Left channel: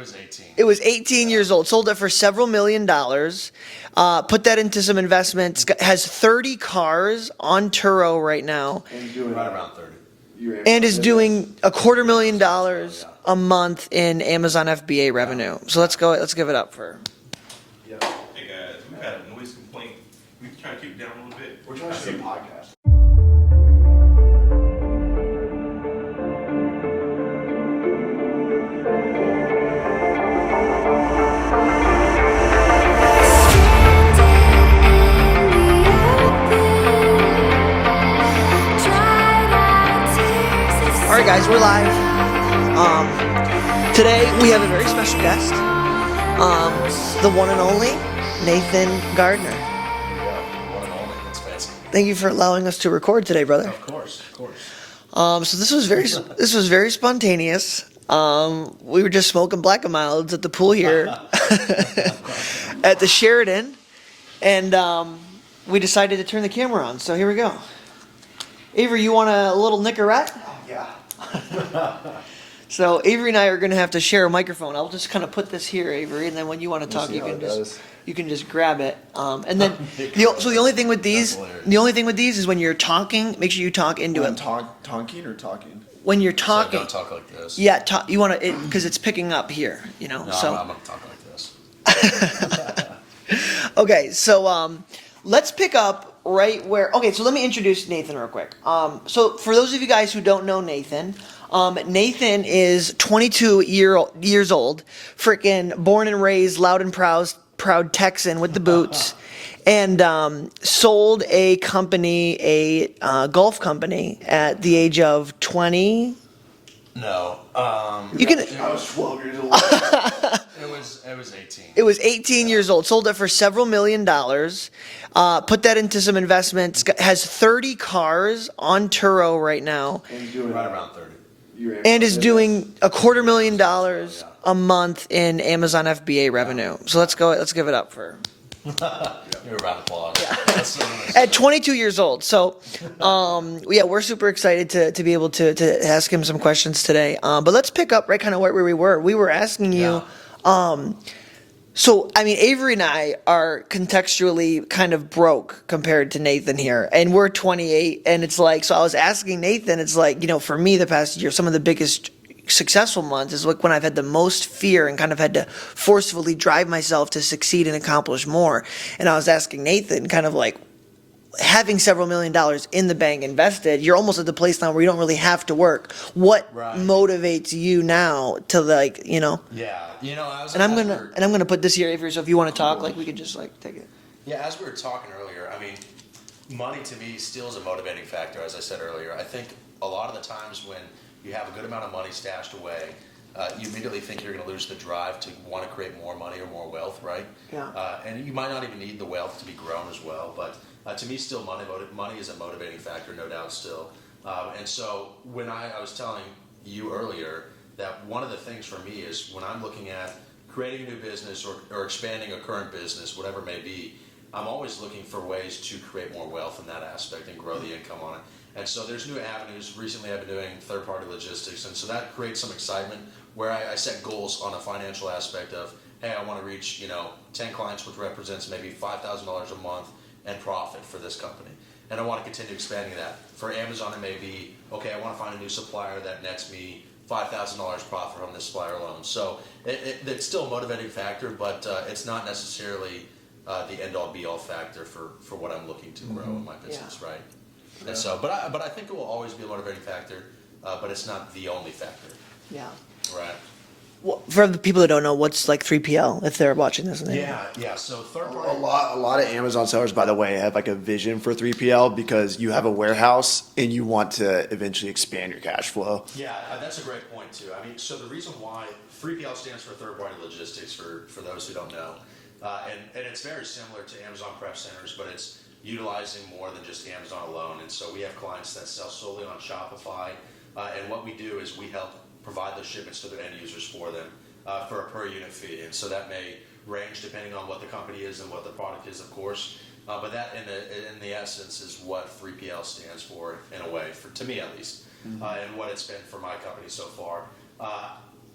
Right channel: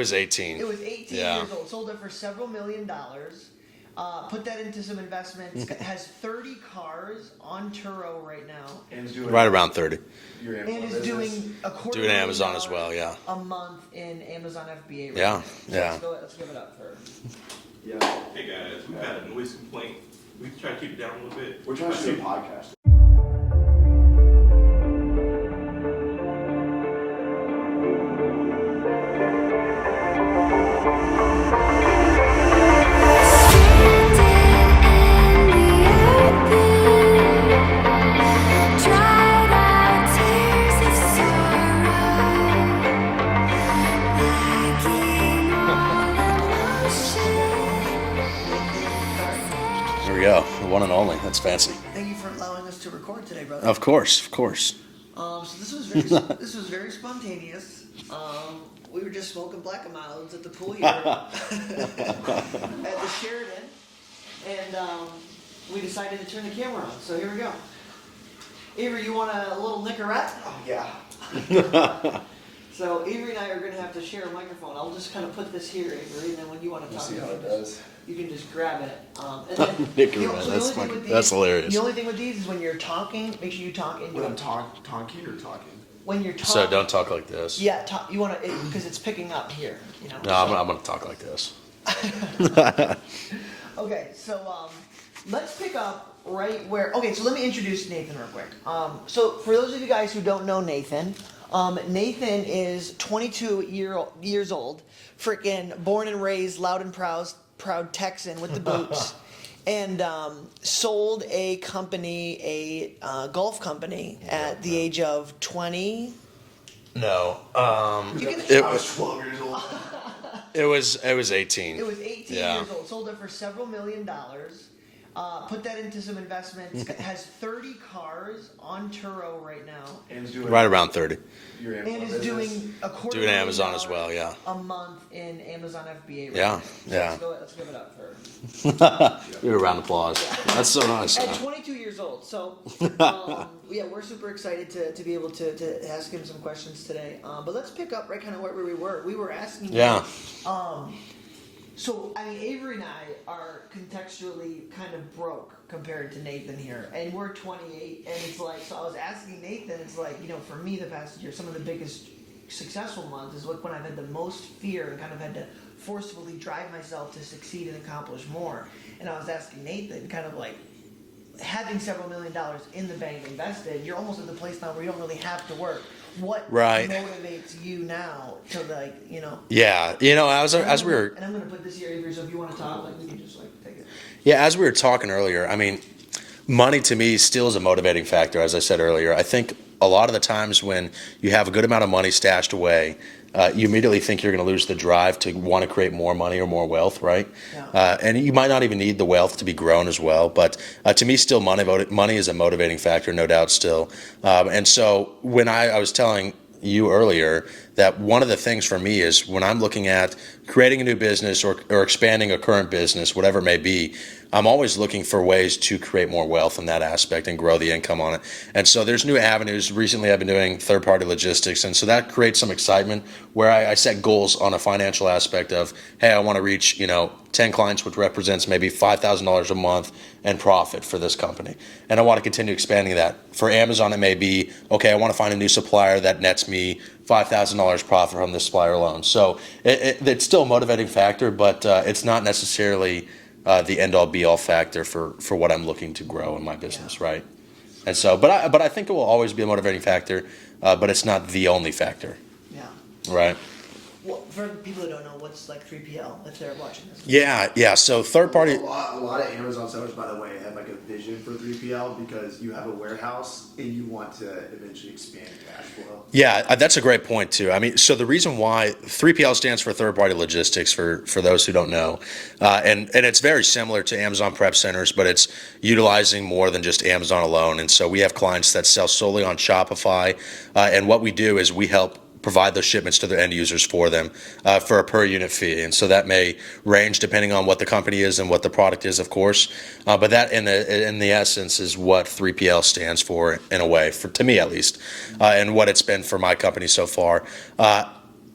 was 18. It was 18 years old. Sold it for several $1,000,000. Put that into some investments. Has 30 cars on Turo right now. Right around 30. And is doing $250,000 well, yeah. a month in Amazon FBA revenue. So let's go. Let's give it up for. Yeah. Hey guys, we got a noise complaint. We try to keep it down a little bit. We're trying to do a podcast. We're live. Today we have a very special guest, the one and only Nathan Gardner. Here we go, one and only. That's fancy. Thank you for allowing us to record today, brother. Of course, of course. So this was very spontaneous. We were just smoking black and milds at the pool here at the Sheridan, and we decided to turn the camera on. So here we go. Avery, you want a little Nicorette? Yeah. So Avery and I are going to have to share a microphone. I'll just kind of put this here, Avery, and then when you want to talk, you can just grab it. And then the only thing with these is when you're talking, make sure you talk into it. Talking or talking? When you're talking. So don't talk like this. Yeah, you want to, because it's picking up here. You know. No, so. I'm going to talk like this. Okay, so let's pick up right where. Okay, so let me introduce Nathan real quick. So for those of you guys who don't know Nathan. Nathan is 22 years old, freaking born and raised, loud and proud Texan with the boots, and sold a company, a golf company, at the age of 20. No. I was 12 years old. It was 18. It was 18 years old. Sold it for several $1,000,000. Put that into some investments. Has 30 cars on Turo right now. Right around 30. And is doing $250,000 well, a month in Amazon FBA revenue. So let's go. Let's give it up for. You're a round of applause. That's so nice. At 22 years old. So, we're super excited to be able to ask him some questions today. But let's pick up right kind of where we were. We were asking you. So, I mean, Avery and I are contextually kind of broke compared to Nathan here. And we're 28. And it's like, so I was asking Nathan, it's like, for me the past year, some of the biggest successful months is like when I've had the most fear and kind of had to forcefully drive myself to succeed and accomplish more. And I was asking Nathan kind of like, having several $1,000,000 in the bank invested, you're almost at the place now where you don't really have to work. What motivates you now to Yeah, I'm gonna put this here, Avery. So if you want to talk, we could just take it. Yeah, as we were talking earlier, I mean, money to me still is a motivating factor. As I said earlier, I think a lot of the times when you have a good amount of money stashed away, you immediately think you're going to lose the drive to want to create more money or more wealth, right? Yeah. And you might not even need the wealth to be grown as well. But to me, still, money is a motivating factor, no doubt still. And so when I was telling you earlier that one of the things for me is when I'm looking at creating a new business or expanding a current business, whatever it may be, I'm always looking for ways to create more wealth in that aspect and grow the income on it. And so there's new avenues. Recently, I've been doing third-party logistics, and so that creates some excitement where I set goals on a financial aspect of, hey, I want to reach 10 clients, which represents maybe $5,000 a month and profit for this company. And I want to continue expanding that. For Amazon, it may be, okay, I want to find a new supplier that nets me $5,000 profit from this supplier alone. So it's still a motivating factor, but it's not necessarily the end-all be-all factor for what I'm looking to grow in my business, right? And so, but I think it will always be a motivating factor, but it's not the only factor. Yeah. Right. Well, for the people that don't know, what's 3PL if they're watching this? Yeah. So third party. A lot of Amazon sellers, by the way, have a vision for 3PL because you have a warehouse and you want to eventually expand your cash flow. Yeah, that's a great point too. I mean, so the reason why 3PL stands for third party logistics for those who don't know, and it's very similar to Amazon Prep Centers, but it's utilizing more than just Amazon alone. And so we have clients that sell solely on Shopify, and what we do is we help provide those shipments to their end users for them for a per unit fee. And so that may range depending on what the company is and what the product is, of course. But that in the essence is what 3PL stands for in a way, to me at least, and what it's been for my company so far.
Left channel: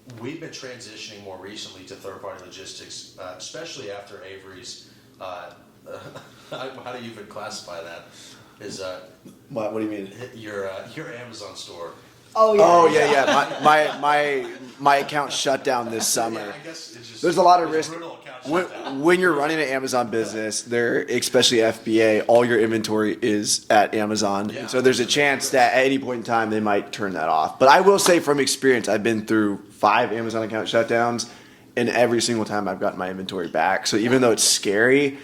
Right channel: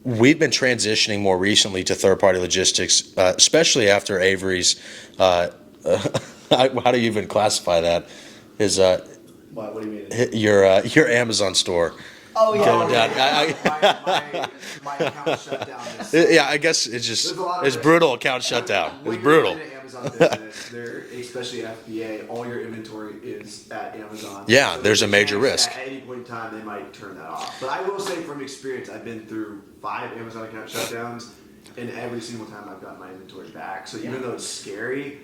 we've been transitioning more recently to third-party logistics, especially after Avery's. How do you even classify that? His What do you mean? your Amazon store. Oh yeah. Oh yeah. My account shut down this summer. Yeah, I guess it's just There's a lot of it's risk. brutal account shutdown. When It's you're brutal. running an Amazon business, there, especially FBA, all your inventory is at Amazon. Yeah, so there's a major chance risk. that at any point in time they might turn that off. But I will say from experience, I've been through 5 Amazon account shutdowns, and every single time I've gotten my inventory back. So even though it's scary,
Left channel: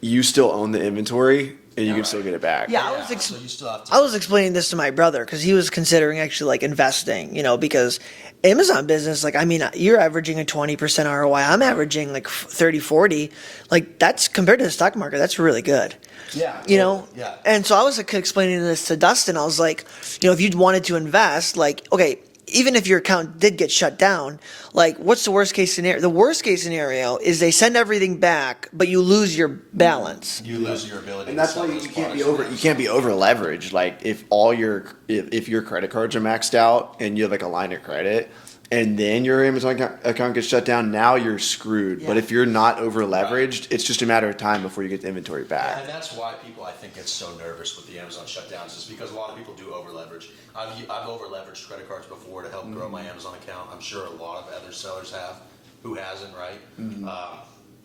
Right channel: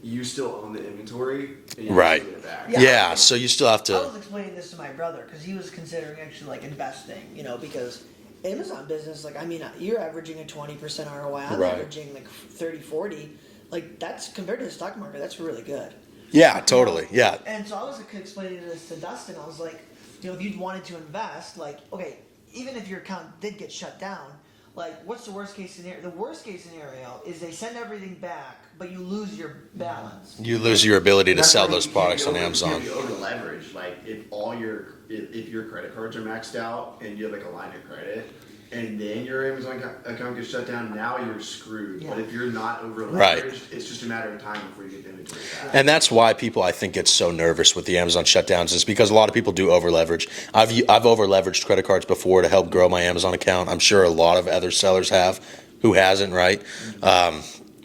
you still own the inventory and you can still Right. get it back. Yeah. Yeah, so you still have to. I was explaining this to my brother because he was considering actually like investing, because Amazon business, like, I mean, you're averaging a 20% ROI. I'm Right. averaging like 30, 40. Like, that's compared to the stock market, that's really good. yeah, You know? totally. Yeah. And so I was like, explaining this to Dustin. I was like, if you wanted to invest, like, okay, even if your account did get shut down, like, what's the worst case scenario? The worst case scenario is they send everything back, but you lose your balance. You lose your ability to That's sell why those you can't products be on over- Amazon. You can't be over leveraged. Like if your credit cards are maxed out and you have like a line of credit, and then your Amazon account gets shut down, now you're screwed. But if you're not over leveraged, it's just a matter of time before you get the inventory back. And that's why people, I think, get so nervous with the Amazon shutdowns, is because a lot of people do over leverage. I've over leveraged credit cards before to help grow my Amazon account. I'm sure a lot of other sellers have. Who hasn't, right?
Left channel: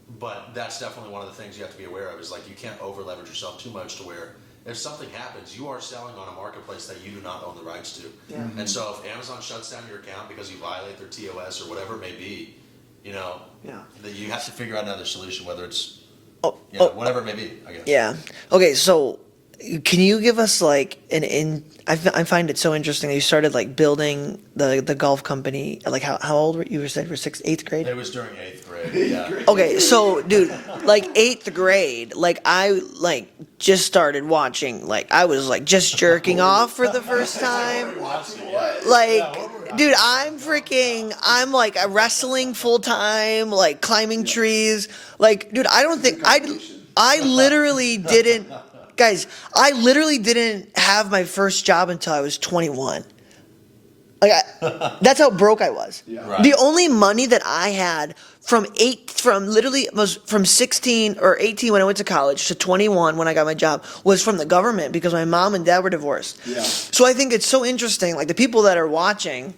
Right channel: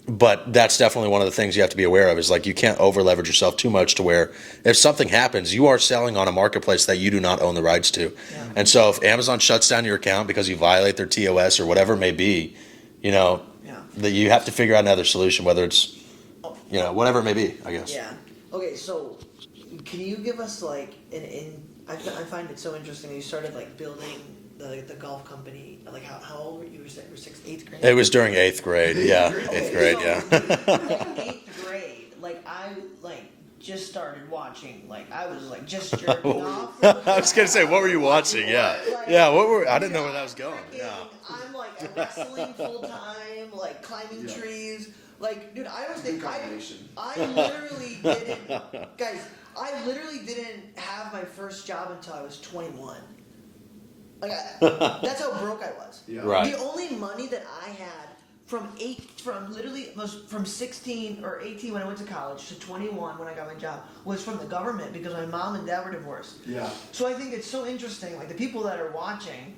But that's definitely one of the things you have to be aware of, is like, you can't over leverage yourself too much to where if something happens, you are selling on a marketplace that you do not own the rights to. Yeah. And so if Amazon shuts down your account because you violate their TOS or whatever it may be, Yeah. that you have to figure out another solution, whether it's, whatever it may be, I guess. Yeah. Okay, so can you give us like I find it so interesting that you started like building the golf company. Like how old were you? You said you were 8th grade? It was during 8th grade, yeah. Okay, 8th grade, so yeah. dude, like 8th grade, like I like just started watching, like I was like just jerking off for the first time. I was gonna say, what were you watching? Yeah. Like, yeah, what were, I dude, didn't know where that I'm was going. freaking, I'm like wrestling full time, like climbing trees. Like, dude, I literally didn't, guys, I literally didn't have my first job until I was 21. Like, that's how broke I was. Right. The only money that I had from 16 or 18 when I went to college to 21 when I got my job was from the government because my mom and dad were divorced. Yeah. So I think it's so interesting, like the people that are watching,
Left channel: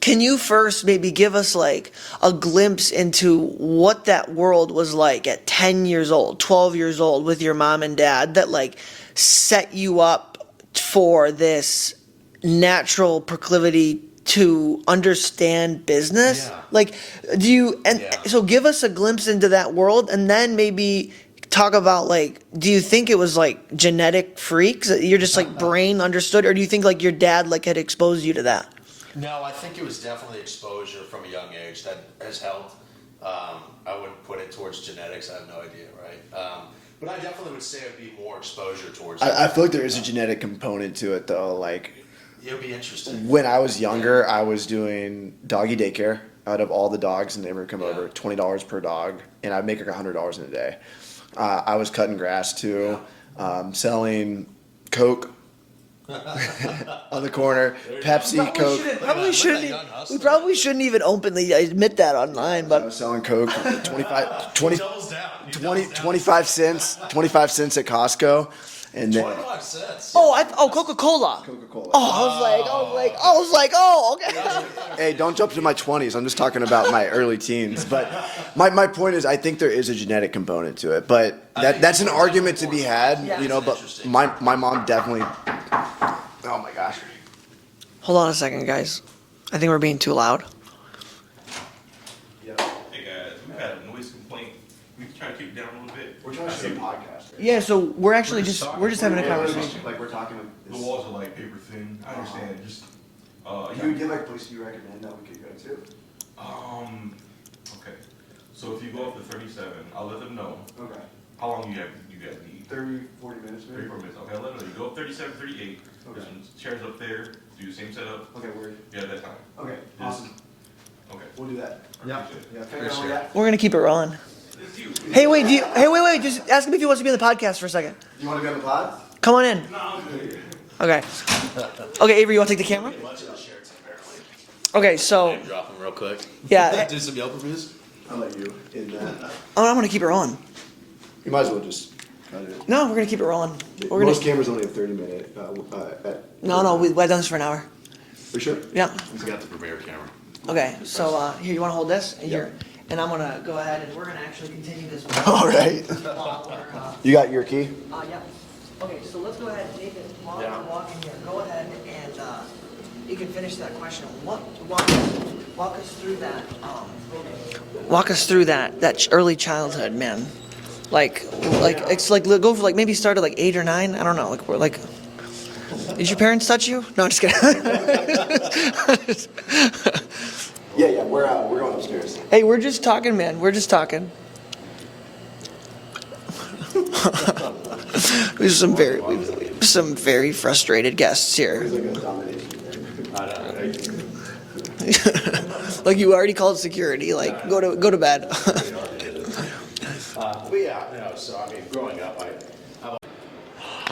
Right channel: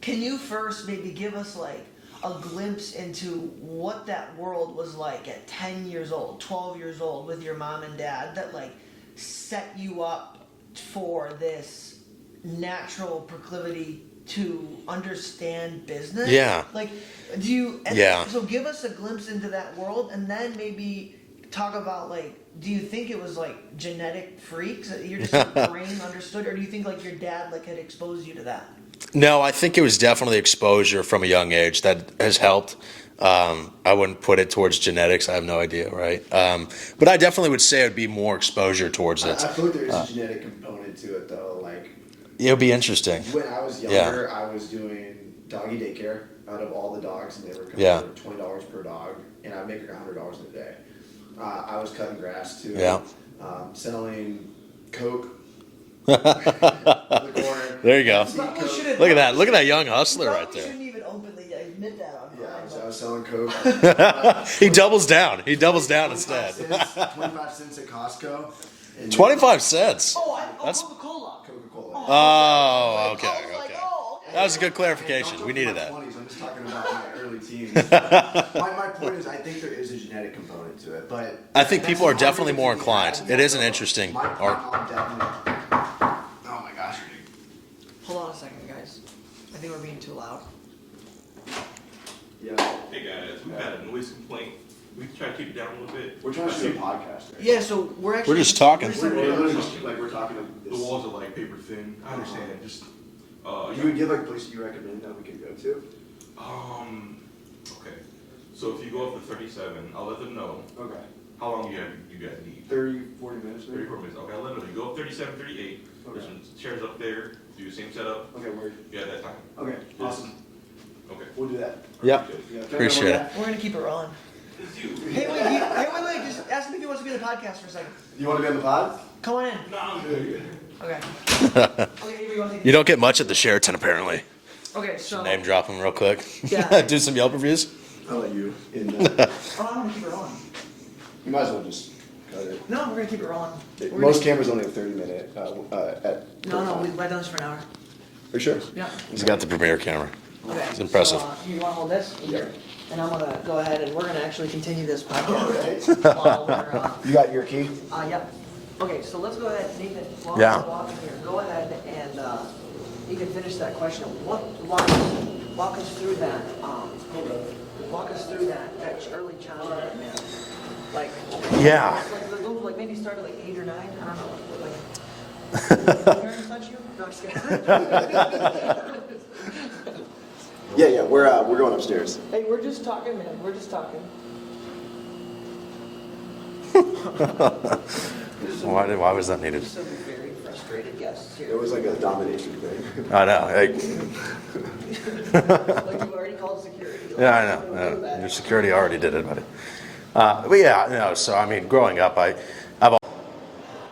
can you first maybe give us like a glimpse into what that world was like at 10 years old, 12 years old with your mom and dad that like set you up for this natural proclivity to understand business? Yeah. Like, Yeah. so give us a glimpse into that world and then maybe talk about like, do you think it was like genetic freaks that you're just like brain understood, or do you think like your dad like had exposed you to that? No, I think it was definitely exposure from a young age that has helped. I wouldn't put it towards genetics. I have no idea, right? But I definitely would say it would be more exposure towards it. I feel like there is a genetic component to it though. Like It'll be interesting. when I was younger, I was doing doggy daycare out of all the dogs, and they would come Yeah. over $20 per dog, and I'd make like $100 in a day. I was cutting grass too, Yeah. Selling Coke on the corner. There you go. Pepsi, Coke. Look at that. Look at that young hustler. We probably right there. shouldn't even openly admit that online, I but was selling Coke. 25, He doubles down. He doubles down. 25 instead. cents. 25 cents at Costco. And then 25 cents. Coca-Cola. Coca-Cola. I was like, oh, okay. That was a good clarification. Hey, don't jump We to my needed that. 20s. I'm just talking about my early teens. But my point is, I think there is a genetic component to it. But I think that's people an are definitely argument to more be inclined. had. It is an but interesting My part. mom definitely. Oh my gosh. Hold on a second, guys. I think we're being too loud. Yeah. Hey guys, we've got a noise complaint. We can try to keep it down a little bit. We're trying to do a podcast. Right? Yeah, so we're actually We're just talking. We're just having a conversation. Like we're talking like The this. walls are like paper thin. I understand. Just You would give like a place you recommend that we could go to? okay. So if you go up to 37, I'll let them know. Okay. How long you guys need? 30, 40 minutes. 34 minutes. Okay, I'll let them know. You go up 37, 38. There's some chairs up there. Do the same setup. Okay, word. Yeah, that time. Okay, awesome. Okay. We'll do that. Yeah. Yeah, Appreciate it. We're gonna keep it rolling. It's you. Hey, wait. Just ask him if he wants to be on the podcast for a second. You want to be on the pod? Come on in. No, I'm good. Okay. Okay, Avery, you want to take the You camera? don't get much at the Sheraton, apparently. Okay, so Name dropping real quick. Yeah. Do some Yelp reviews. I'll let you. I'm gonna keep it rolling. You might as well just cut it. No, we're gonna keep it rolling. We're Most gonna, cameras only have 30-minute. no, we've done this for an hour. Are you sure? Yeah. He's got the Premiere camera. Okay. It's impressive. So here, you want to hold this? Here. And I'm gonna go ahead and we're gonna actually continue this. All right. While we're, You got your key? yep. Okay, so let's go ahead, Nathan. While Yeah. we're walking here, go ahead and you can finish that question. Walk us through that. Walk us through that early childhood, man. Yeah. It's like go for like maybe start at like 8 or 9. I don't know. Like we're like. Did your parents touch you? No, I'm just kidding. Yeah. We're going upstairs. Hey, we're just talking, man. We're just talking. There's some Why was that needed? some very frustrated guests It here. was like a domination thing. I know. Like you already called security. Like Yeah, I know. go to bed. Security already did it. But yeah, no. So I mean, growing up, I've All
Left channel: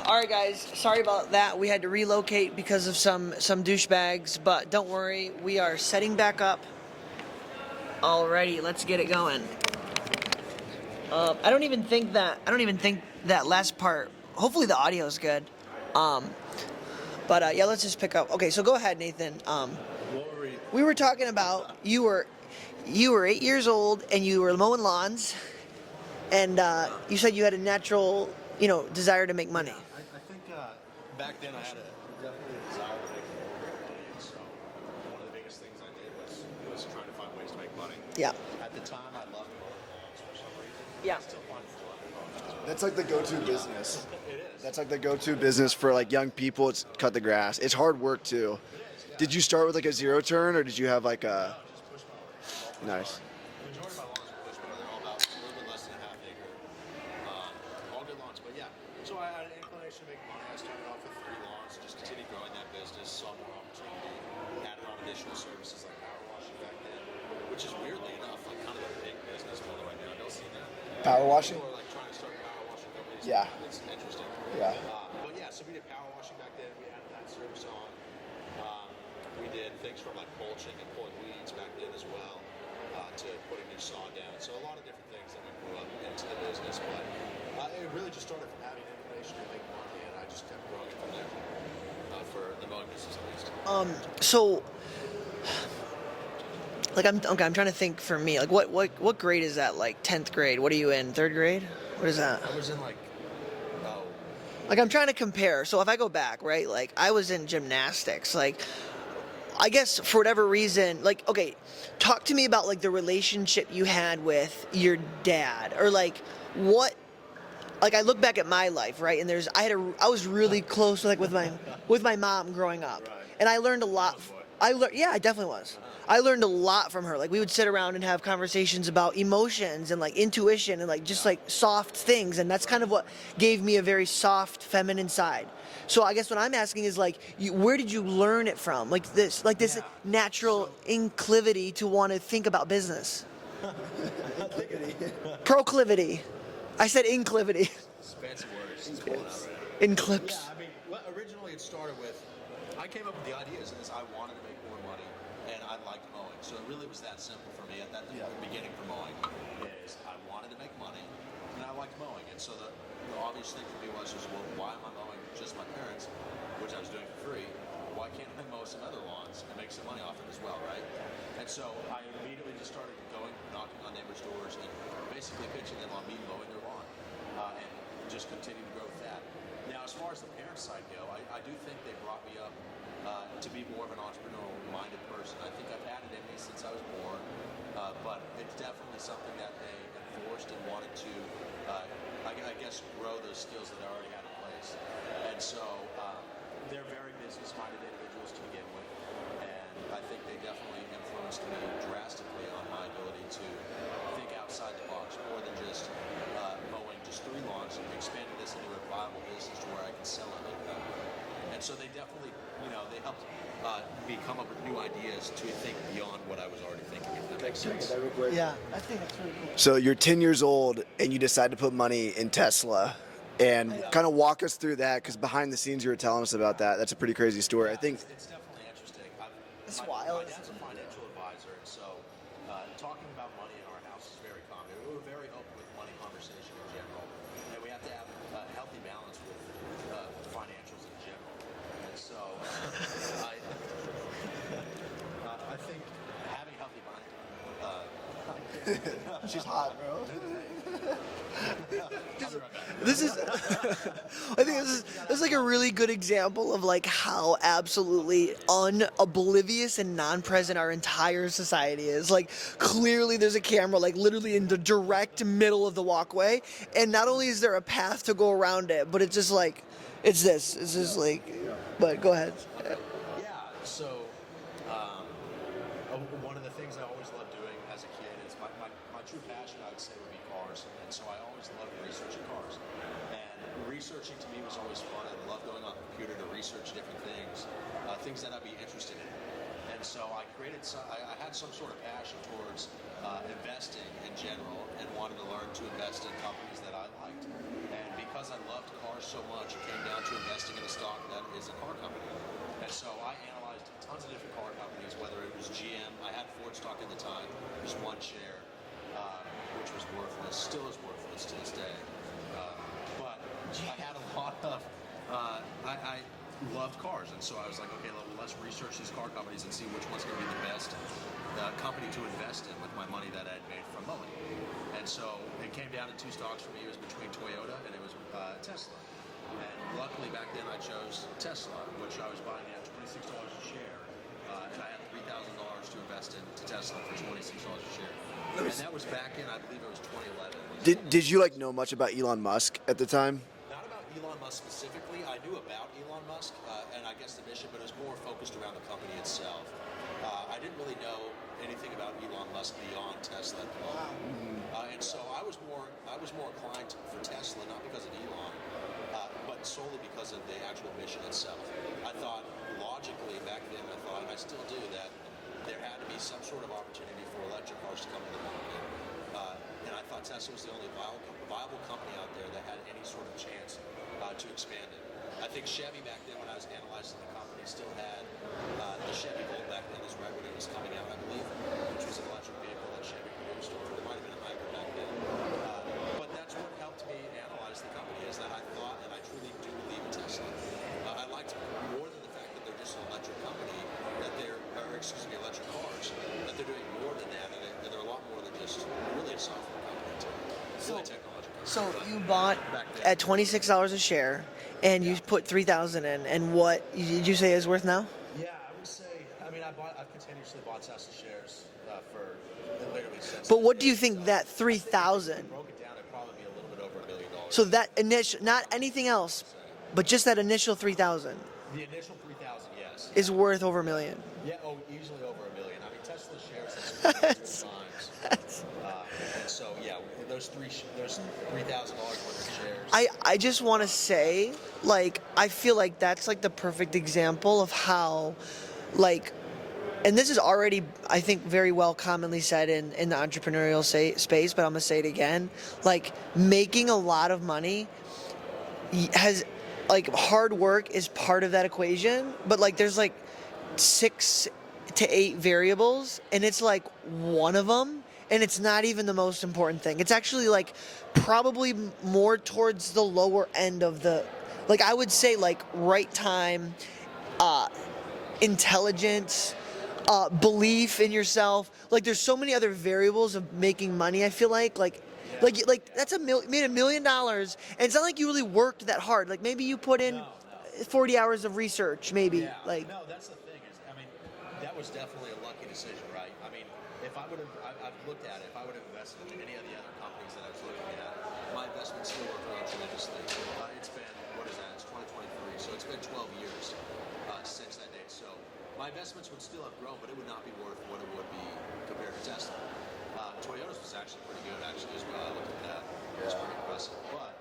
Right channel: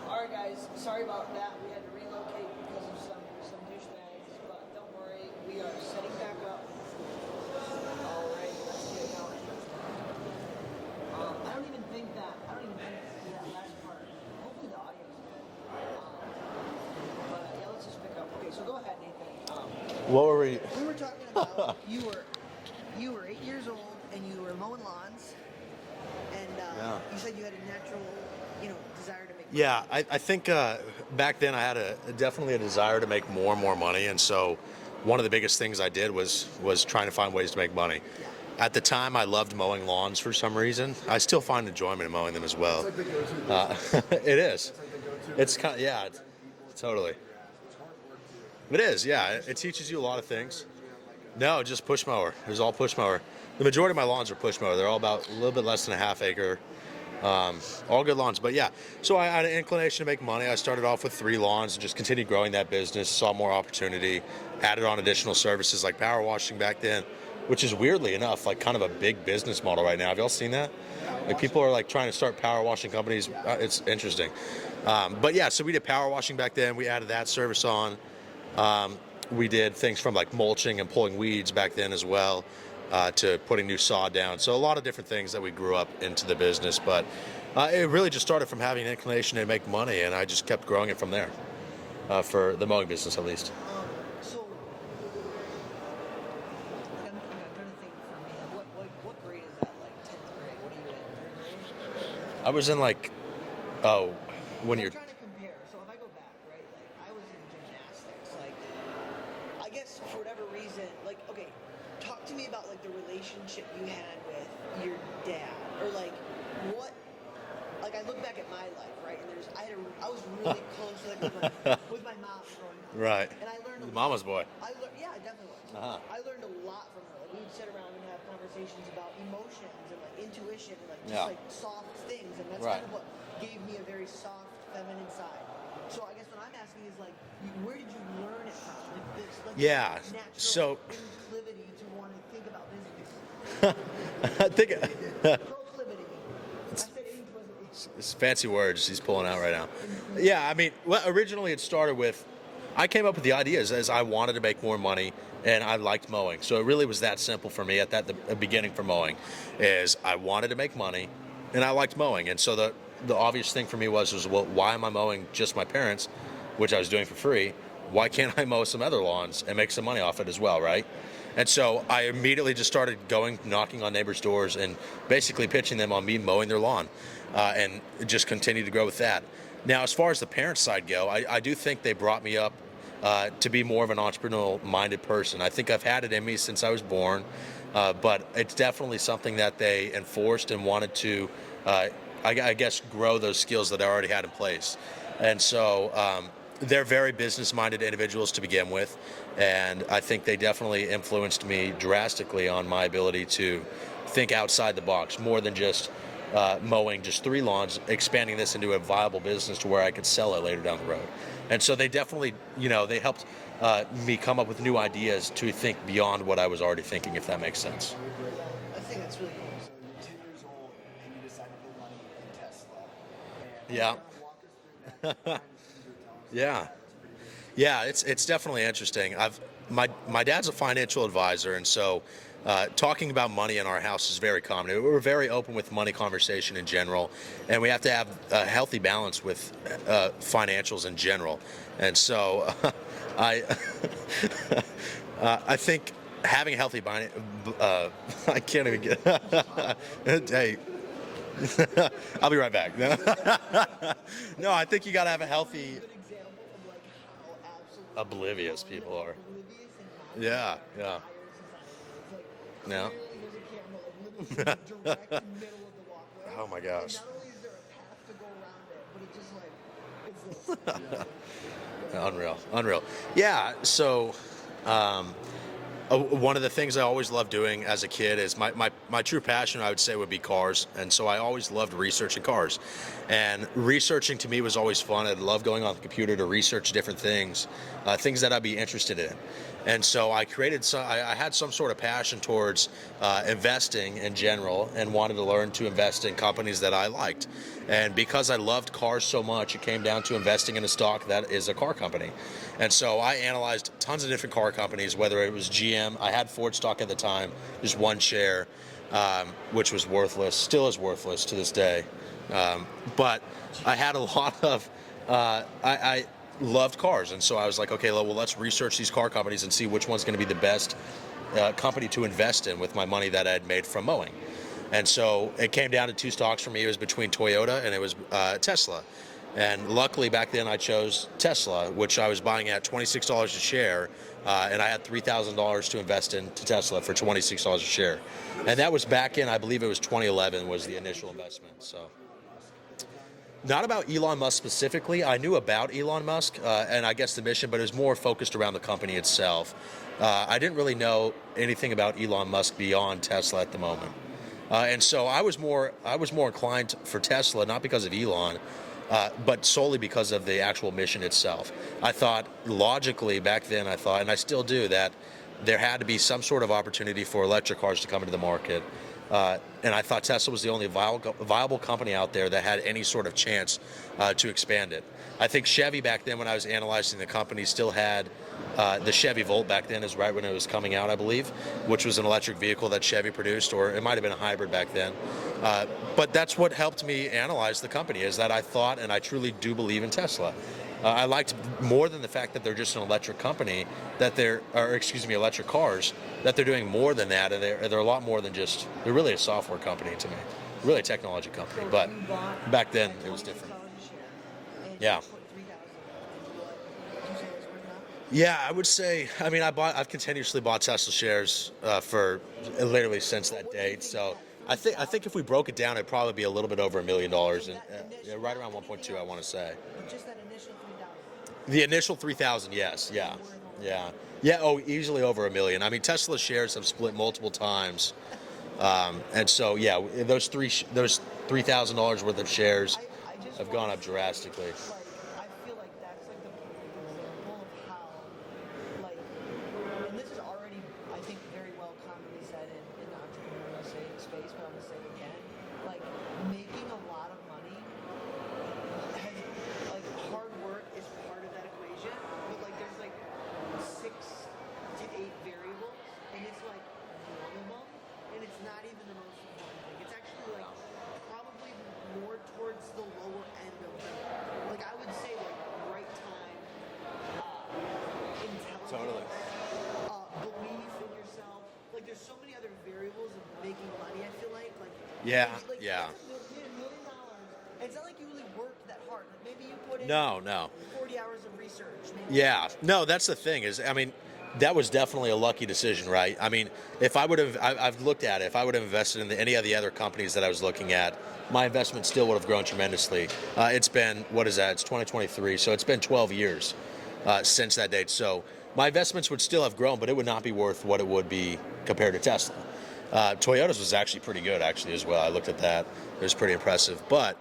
right, guys. Sorry about that. We had to relocate because of some douchebags, but don't worry. We are setting back up. Alrighty, let's get it going. I don't even think that last part. Hopefully the audio is good. But yeah, let's just pick up. Okay, so go ahead, Nathan. what were we? We were talking about you were 8 years old and you were mowing lawns, and you said you had a natural, desire to make money. Yeah, I think back then I had definitely a desire to make more and more money, and so one of the biggest things I did was trying to find ways to make money. Yeah. At the time, I loved mowing lawns for some reason. Yeah. I still find enjoyment in mowing them as well. It's like the go-to business. It is. That's like the go-to It's business not- for yeah, like young people. It's totally. cut the grass. It's hard work too. It is, yeah. Did you It start with like a teaches you lot zero of turn, things. or did you have like a? No, just push mower. It was all push Nice. mower. The majority of my lawns are push mower. They're all about a little bit less than a half acre. All good lawns. But yeah, so I had an inclination to make money. I started off with 3 lawns and just continued growing that business, saw more opportunity, added on additional services like power washing back then, which is weirdly enough like kind of a big business model right now. Have y'all seen that? Power Like washing? people are like trying to start power washing companies. Yeah. It's interesting. Yeah. But yeah, so we did power washing back then. We added that service on. We did things from like mulching and pulling weeds back then as well, to putting new sod down. So a lot of different things that we grew up into the business. But it really just started from having an inclination to make money, and I just kept growing it from there, for the mowing business at least. So, like, I'm trying to think for me. Like, what grade is that? Like 10th grade? What are you in? 3rd grade? What is that? I was in like, Like, I'm trying to compare. So if I go back, right? Like, I was in gymnastics. Like, I guess for whatever reason, like, okay, talk to me about like the relationship you had with your dad, or like what. Like I look back at my life, right, and I was really close with my mom growing up, Right. and I learned a lot. Mama's boy. Yeah, I definitely was. Uh-huh. I learned a lot from her. Like we would sit around and have conversations about emotions and like intuition and like just Yeah. like soft things, and that's kind Right. of what gave me a very soft, feminine side. So I guess what I'm asking is like, where did you learn it from? Like this Yeah. natural So- inclivity to want to think about business. I think Proclivity. I said inclivity. it's fancy words he's pulling out right now. Inclivity. Yeah, I mean, well, originally it started with, I came up with the ideas as I wanted to make more money, and I liked mowing. So it really was that simple for me at the beginning for mowing, is I wanted to make money, and I liked mowing. And so the obvious thing for me was, well, why am I mowing just my parents, which I was doing for free? Why can't I mow some other lawns and make some money off it as well, right? And so I immediately just started knocking on neighbors' doors and basically pitching them on me mowing their lawn, and just continued to grow with that. Now, as far as the parent side go, I do think they brought me up to be more of an entrepreneurial-minded person. I think I've had it in me since I was born, but it's definitely something that they enforced and wanted to, I guess, grow those skills that I already had in place. And so they're very business-minded individuals to begin with, and I think they definitely influenced me drastically on my ability to think outside the box, more than just mowing just 3 lawns, expanding this into a viable business to where I could sell it later down the road. And so they definitely, they helped me come up with new ideas to think beyond what I was already thinking, if that makes sense. Yeah, I think that's really cool. So you're 10 years old and you decide to put money in Tesla. And Yeah. kind of walk us through that, because behind the scenes you were telling us about Yeah. that. That's a pretty crazy story. Yeah, I think it's definitely interesting. my dad's a financial advisor, and so talking about money in our house is very common. We're very open with money conversation in general, and we have to have a healthy balance with financials in general. And so I I think having a healthy I can't even get. Hey. I'll be right back. No, I think you gotta have It's like a really good example of like how absolutely oblivious and non-present Yeah, our yeah. entire society is. Like clearly there's a camera like literally in the direct middle of the walkway. Oh my gosh. And not only is there a path to go around it, but it's just like it's just like but go ahead. Unreal. Yeah, so one of the things I always loved doing as a kid is my true passion, I would say, would be cars. And so I always loved researching cars. And researching to me was always fun. I'd love going on the computer to research different things, things that I'd be interested in. And so I had some sort of passion towards investing in general and wanted to learn to invest in companies that I liked. And because I loved cars so much, it came down to investing in a stock that is a car company. And so I analyzed tons of different car companies, whether it was GM. I had Ford stock at the time, just one share, which was worthless, still is worthless to this day. But I had a lot of, I loved cars. And so I was like, okay, well, let's research these car companies and see which one's going to be the best company to invest in with my money that I had made from mowing. And so it came down to two stocks for me. It was between Toyota and it was Tesla. And luckily back then I chose Tesla, which I was buying at $26 a share, and I had $3,000 to invest into Tesla for $26 a share. And that was back in, I believe it was 2011 was the initial Did you like know investment, much so. about Elon Musk at the time? Not about Elon Musk specifically. I knew about Elon Musk and I guess the mission, but it was more focused around the company itself. I didn't really know anything about Elon Musk beyond Tesla at the moment. And so I was more inclined for Tesla, not because of Elon, but solely because of the actual mission itself. I thought logically back then, and I still do, that there had to be some sort of opportunity for electric cars to come into the market. And I thought Tesla was the only viable company out there that had any sort of chance to expand it. I think Chevy back then, when I was analyzing the company, still had the Chevy Volt back then, is right when it was coming out, I believe, which was an electric vehicle that Chevy produced, or it might have been a hybrid back then. But that's what helped me analyze the company, is that I thought, and I truly do believe in Tesla. I liked more than the fact that they're just an electric company, electric cars, that they're doing more than that, and they're a lot more than just, they're really a software company to me, really a technology company. So but you bought back then at $26 a share, and Yeah. you've put $3,000 in. And what did you say is worth now? Yeah, I would say. I mean, I've continuously bought Tesla shares for literally since. But that what do you day. think So that I think 3,000? if we broke it down, it'd probably be a little bit over $1 million. So that initial, right around not anything 1.2, I wanna else, say. but just that initial 3,000 The initial 3,000, yes, is yeah. worth over $1 Yeah. million. Yeah, easily over $1 million. I mean, Tesla shares have split multiple times, and so yeah, those $3,000 worth of shares. I just have want to gone up say, drastically. like, I feel like that's like the perfect example of how, like, and this is already, I think, very well commonly said in the entrepreneurial space, but I'm gonna say it again. Like, making a lot of money has, like, hard work is part of that equation, but like, there's like 6 to 8 variables, and it's like one of them, and it's not even the most important thing. It's actually like probably more towards the lower end of the, like, I would say, like, right time, intelligence, belief in yourself. Like, there's so many other variables of making money. I feel like Yeah, yeah. that's made $1 million, and it's not like you really worked that hard. Like, maybe you put in No. 40 hours of research, maybe. Yeah, Like, no, that's the thing is, I mean, that was definitely a lucky decision, right? I mean, if I would have, I've looked at it, if I would have invested in any of the other companies that I was looking at, my investment still would have grown tremendously. It's been, what is that? It's 2023, so it's been 12 years since that date. So my investments would still have grown, but it would not be worth what it would be compared to Tesla. Toyota's was actually pretty good, actually, as well. I looked at that. It was pretty impressive. But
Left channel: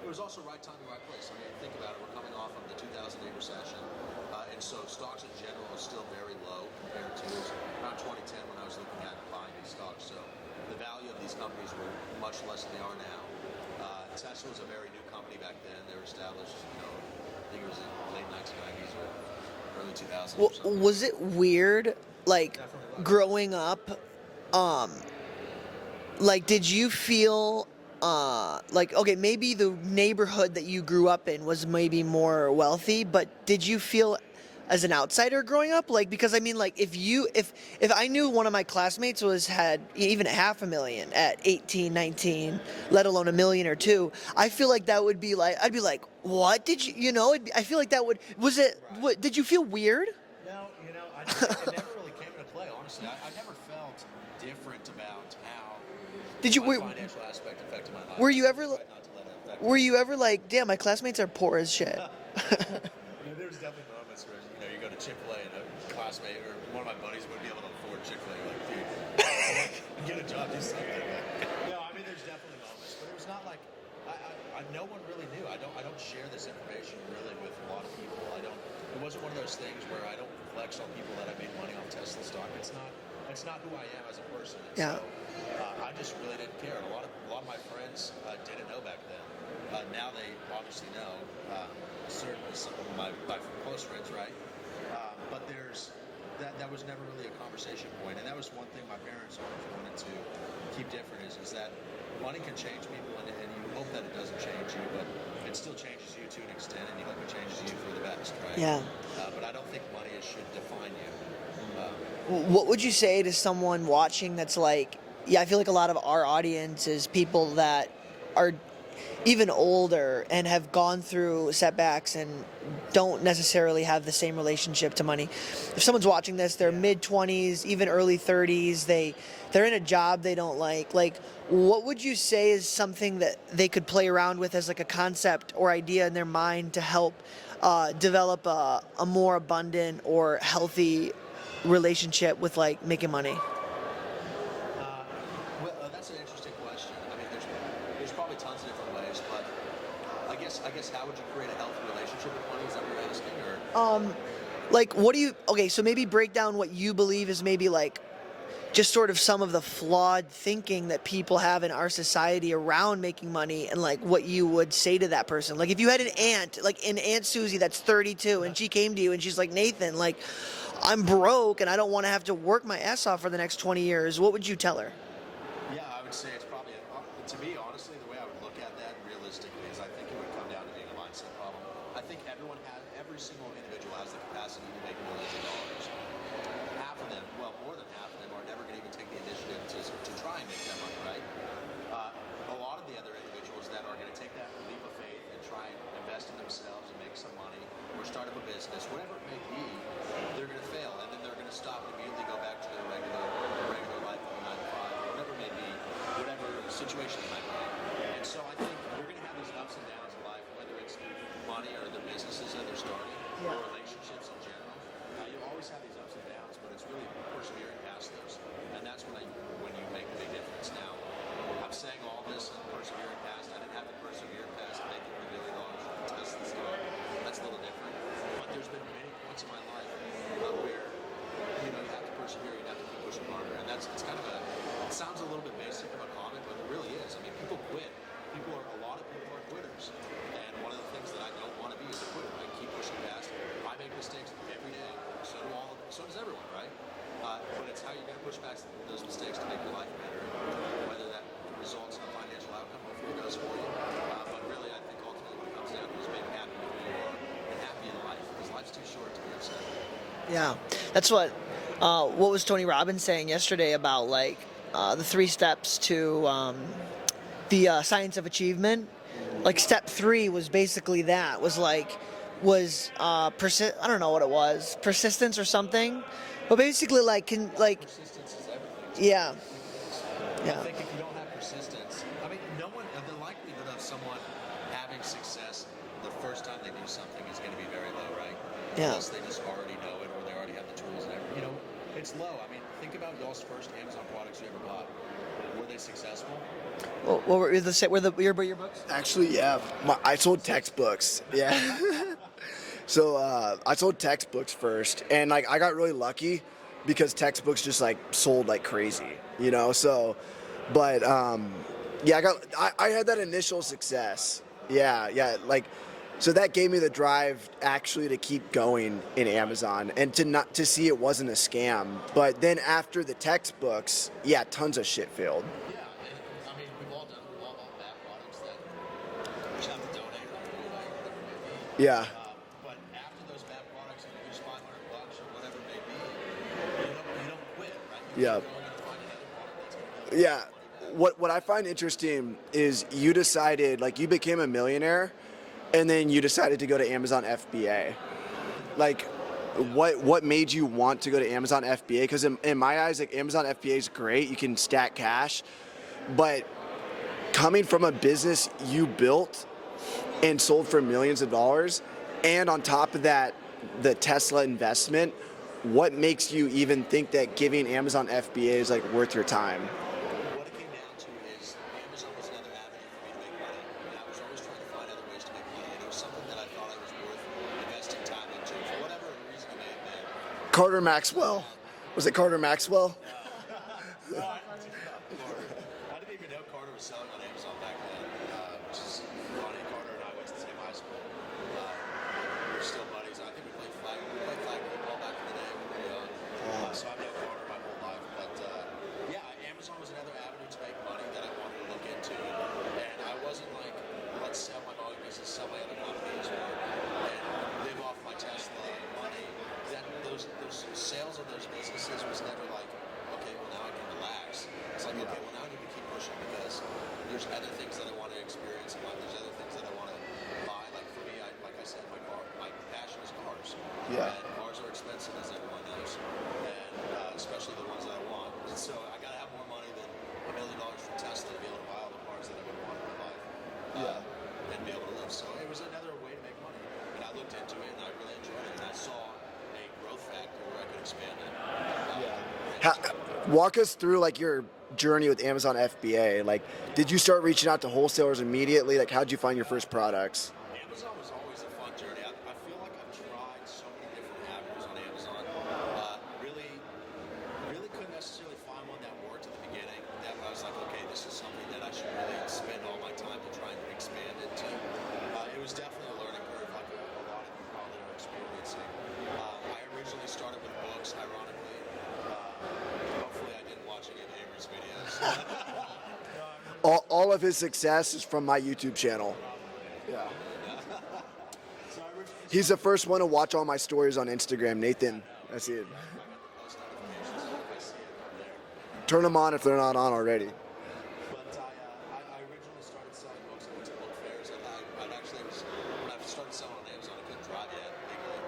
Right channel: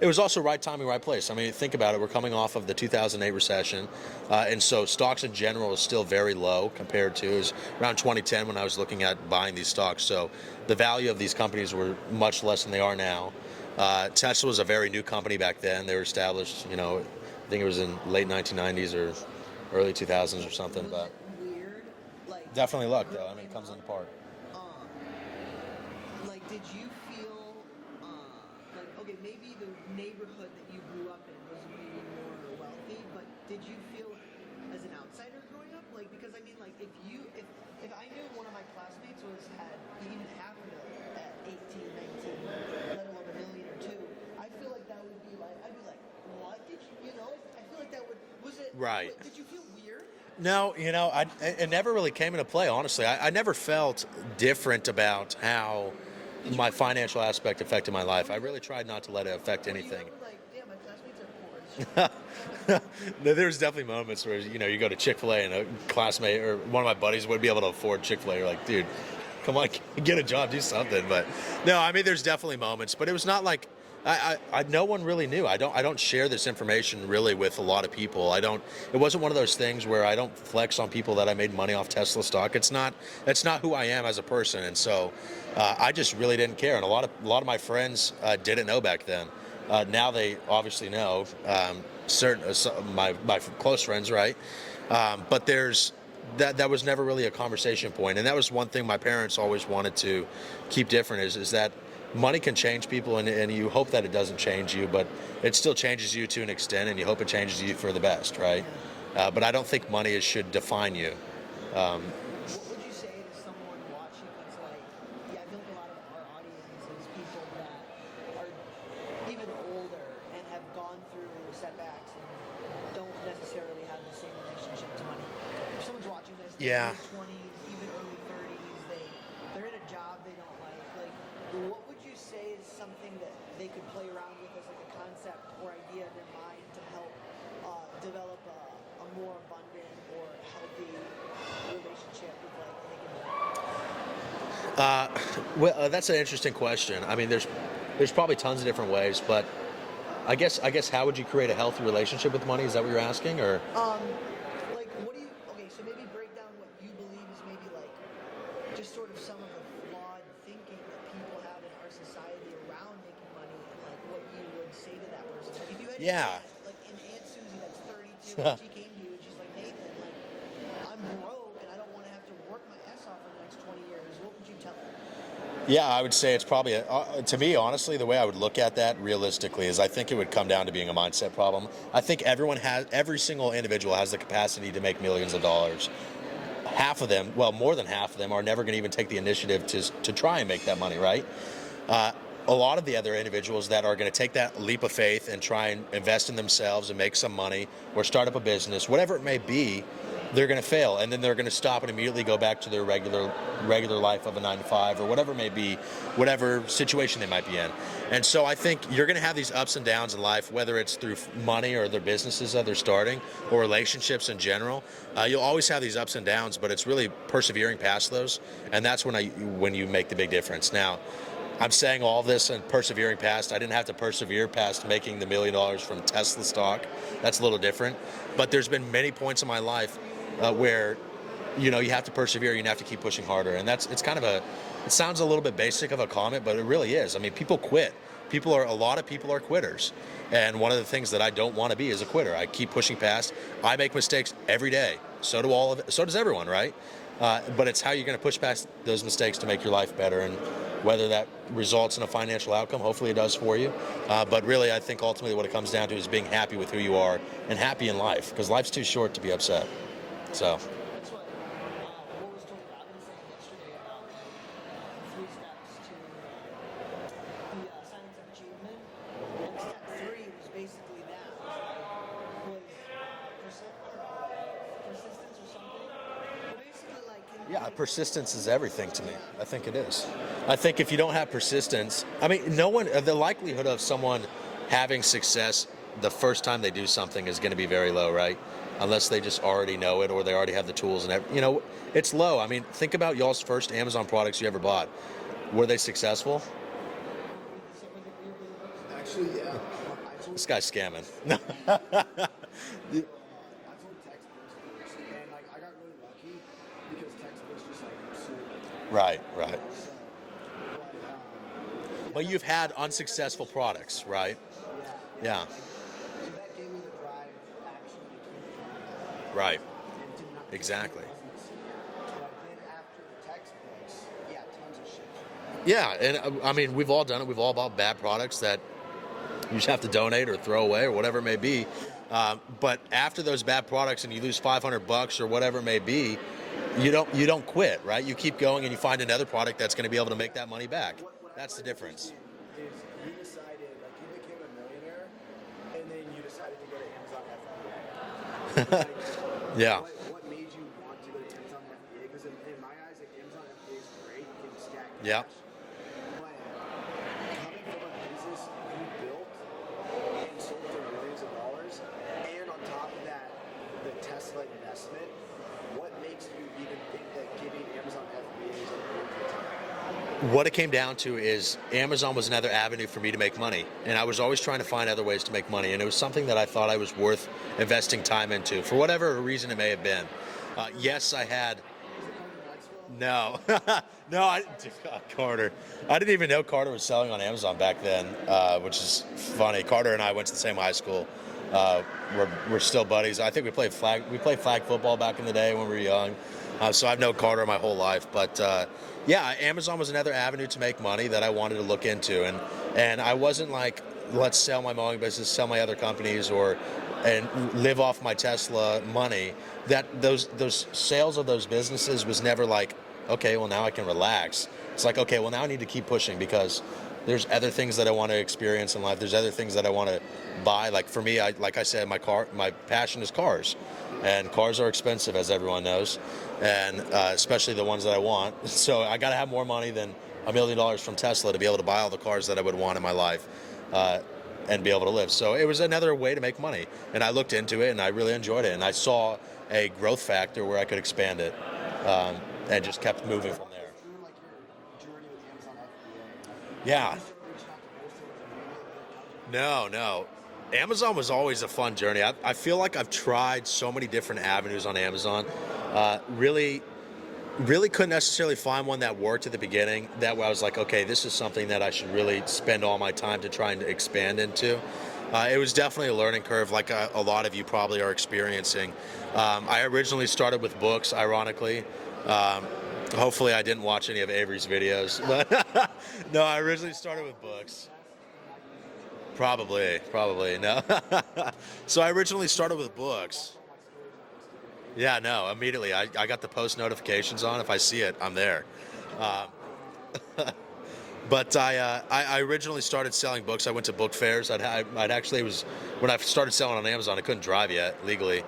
it was also right timing, right place. I mean, think about it. We're coming off of the 2008 recession. And so stocks in general is still very low compared to, it was around 2010 when I was looking at buying these stocks. So the value of these companies were much less than they are now. Tesla was a very new company back then. They were established, I think it was in late 1990s or early 2000s or something. Was but it weird, like definitely luck growing comes up? into part. Like, did you feel like, okay, maybe the neighborhood that you grew up in was maybe more wealthy, but did you feel as an outsider growing up? Like, because I mean, like, if I knew one of my classmates had even $500,000 at 18, 19, let alone $1 million or two, I feel like that would be like, I'd be like, what did you know? I feel like that was it? Right. What, did you feel weird? No, it never really came into play, honestly. I never felt different about how my financial aspect affected my life. Were I you really ever tried not to let it affect Were you anything. ever like, damn, my classmates are poor as shit? No, there's definitely moments where, you go to Chick-fil-A and a classmate or one of my buddies would be able to afford Chick-fil-A. You're like, dude, come on, get a job, do something. But no, I mean, there's definitely moments, but it was not like, no one really knew. I don't share this information really with a lot of people. It wasn't one of those things where I don't flex on people that I made money off Tesla stock. It's not who I am as a person. And so I just really didn't care. And a lot of my friends didn't know back then. Now they obviously know, my close friends, right? But that was never really a conversation point. And that was one thing my parents always wanted to keep different is that money can change people, and you hope that it doesn't change you, but it still changes you to an extent, and you hope it changes you for the best, right? Yeah. But I don't think money should define you. What would you say to someone watching that's like, I feel like a lot of our audience is people that are even older and have gone through setbacks and don't necessarily have the same relationship to money. If someone's watching this, they're mid-20s, even early 30s, they're in a job they don't like, what would you say is something that they could play around with as like a concept or idea in their mind to help develop a more abundant or healthy relationship with like making money? Well, that's an interesting question. I mean, there's probably tons of different ways, but I guess how would you create a healthy relationship with money? Is that what you're asking, or? Like, so maybe break down what you believe is maybe like just sort of some of the flawed thinking that people have in our society around making money, and like what you would say to that person. Like if you had an aunt, like an Aunt Susie that's 32 and she came to you and she's like, Nathan, like I'm broke and I don't want to have to work my ass off for the next 20 years. What would you tell her? Yeah, I would say it's probably, to me, honestly, the way I would look at that realistically is I think it would come down to being a mindset problem. I think every single individual has the capacity to make millions of dollars. Half of them, well, more than half of them are never going to even take the initiative to try and make that money, right? A lot of the other individuals that are going to take that leap of faith and try and invest in themselves and make some money or start up a business, whatever it may be, they're going to fail, and then they're going to stop and immediately go back to their regular life of a 9-to-5 or whatever it may be, whatever situation they might be in. And so I think you're going to have these ups and downs in life, whether it's through money or their businesses that they're starting or relationships in general. You'll always have these ups and downs, but it's really persevering past those, and that's when you make the big difference. Now, I'm saying all this and persevering past. I didn't have to persevere past making the $1 million from Tesla stock. That's a little different. But there's been many points in my life where you have to persevere, you have to keep pushing harder, and it sounds a little bit basic of a comment, but it really is. I mean, people quit. A lot of people are quitters, and one of the things that I don't want to be is a quitter. I keep pushing past. I make mistakes every day. So does everyone, right? But it's how you're going to push past those mistakes to make your life better, and whether that results in a financial outcome, hopefully it does for you. But really, I think ultimately what it comes down to is being happy with who you are and happy in life, because life's too short to be upset. Yeah, that's what was Tony Robbins saying yesterday about like the 3 steps to the science of achievement. Like step 3 was basically that I don't know what it was, persistence or something. But basically, persistence is everything to me. Yeah, I think it is. Yeah. I think if you don't have persistence, I mean, the likelihood of someone having success the first time they do something is going to be very low, right? Yeah. Unless they just already know it or they already have the tools and it's low. I mean, think about y'all's first Amazon products you ever bought. Were they successful? What were your books? Actually, yeah. I sold textbooks. Yeah. So I sold textbooks first, and like I got really lucky because textbooks just like sold like crazy. Right. So, but I had that initial products, success. right? Yeah. Like So that gave me the drive actually to keep going in Amazon and to not to see Exactly. it wasn't a scam. But then after the textbooks, yeah, tons of shit failed. Yeah, and I mean, we've all done it. We've all bought bad products that you just have to donate or throw away or whatever it may be. Yeah. But after those bad products and you lose $500 or whatever it may be, you don't quit, right? You keep Yeah. going and you find another product that's going to be able to make that money back. What I That's the find difference. interesting is you decided, like, you became a millionaire, and then you decided to go to Amazon FBA. Like, Yeah. what made you want to go to Amazon FBA? Because in my eyes, like, Amazon FBA is great. You can stack cash, but coming from a business you built and sold for millions of dollars, and on top of that, the Tesla investment. What makes you even think that giving Amazon FBA is like worth your time? What it came down to is Amazon was another avenue for me to make money, and I was always trying to find other ways to make money, and it was something that I thought I was worth investing time into for whatever reason it may have been. Carter Yes, Maxwell. I had. Was it Carter Maxwell? No, no, Carter. I didn't even know Carter was selling on Amazon back then, which is funny. Carter and I went to the same high school. We're still buddies. I think we played flag football back in the day when we were young. So I've known Carter my whole life. But yeah, Amazon was another avenue to make money that I wanted to look into, and I wasn't like, let's sell my mowing business, sell my other companies, and live off my Tesla money. That those sales of those businesses was never like, okay, well now I can relax. It's like, okay, well now I need to keep pushing because there's other things that I want to experience in life. There's other things that I want to buy. Like for me, like I said, my passion is cars, and cars are expensive, as everyone knows, and especially the ones that I want. So I got to have more money than $1 million from Tesla to be able to buy all the cars that I would want in my life, and be able to live. So it was another way to make money, and I looked into it, and I really enjoyed it, and I saw a growth factor where I could expand it, and just kept moving. Walk us through like your journey with Amazon FBA. Like, did you start reaching out to wholesalers immediately? Like, how'd you find your first products? Amazon was always a fun journey. I feel like I've tried so many different avenues on Amazon. Really couldn't necessarily find one that worked at the beginning. That way I was like, okay, this is something that I should really spend all my time to try and expand into. It was definitely a learning curve, like a lot of you probably are experiencing. I originally started with books, ironically. Hopefully I didn't watch any of Avery's videos. No, I originally started all with of his books. success is from my YouTube channel. Probably, no. So I originally started He's the with first one to books. watch all my stories on Instagram, Nathan. Yeah, no, immediately. I got the post notifications on. If I see it, I'm there. Turn them on if they're not on already. But I originally started selling books. I went to book fairs. I'd actually, it was when I started selling on Amazon, I couldn't drive yet legally.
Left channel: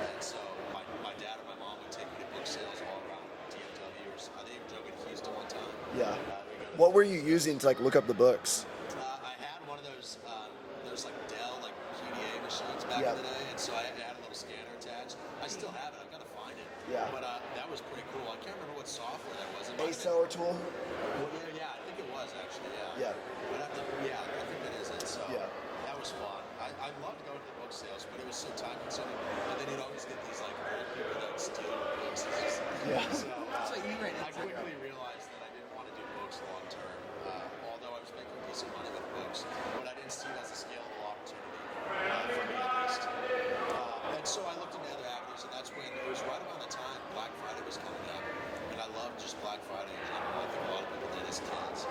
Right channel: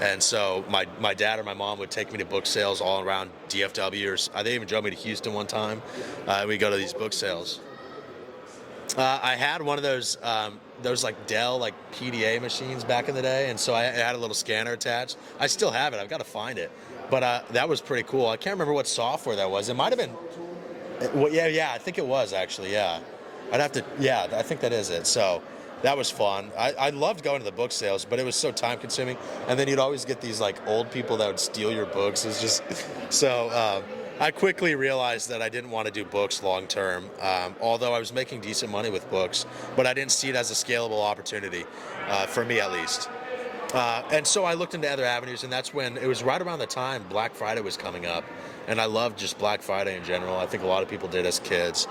And so my dad or my mom would take me to book sales all around DFW, or they even drove me to Houston one time. Yeah. We go to these What were book you sales. using to like look up the books? I had one of those like Dell like PDA machines back in the day, and so I had a little scanner attached. I still have it. I've got to find it. Yeah. But that was pretty cool. I can't remember what software that was. It might have been. Seller tool? Well, yeah, I think it was actually. Yeah. I'd have to. Yeah, I think that is it. So that was fun. I loved going to the book sales, but it was so time consuming. And then you'd always get these like old people that would steal your books. It's just so. I quickly realized that I didn't want to do books long term, although I was making decent money with books, but I didn't see it as a scalable opportunity, for me at least. And so I looked into other avenues, and that's when it was right around the time Black Friday was coming up. And I loved just Black Friday in general. I think a lot of people did as kids.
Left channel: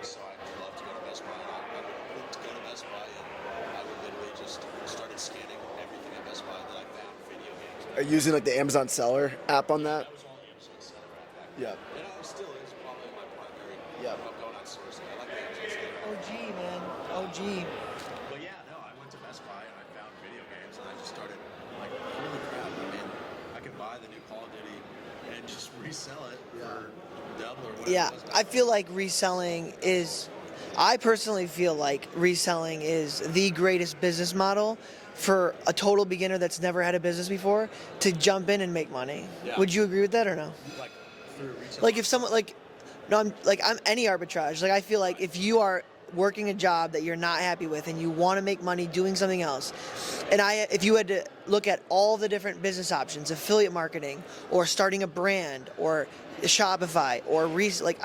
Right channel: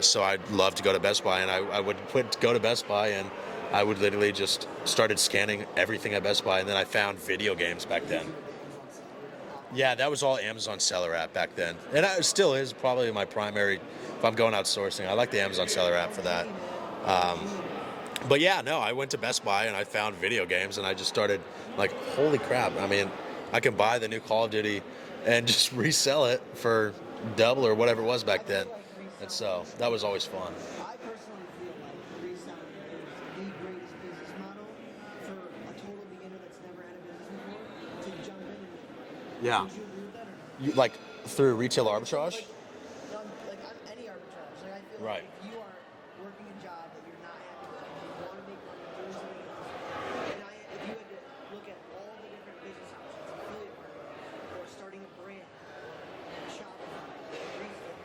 So I'd love to go to Best Buy, and I would go to Best Buy, and I would literally just started scanning everything at Best Buy, and then I found video games back then. Using like the Amazon Seller app on that? Yeah, that was all Amazon Seller app back then. And it still is probably my primary, if I'm going outsourcing. I like the Amazon Seller app for that. But yeah, no, I went to Best Buy and I found video games, and I just started like, holy crap. I mean, I can buy the new Call of Duty and just resell it for double or whatever it was back then. I feel like reselling So that was always fun. I personally feel like reselling is the greatest business model for a total beginner that's never had a business before to jump in and make money. Yeah. Would you agree with that or no? Like through retail Like if arbitrage? someone I'm any arbitrage. Like I feel like Right. if you are working a job that you're not happy with and you want to make money doing something else, and if you had to look at all the different business options, affiliate marketing or starting a brand or Shopify or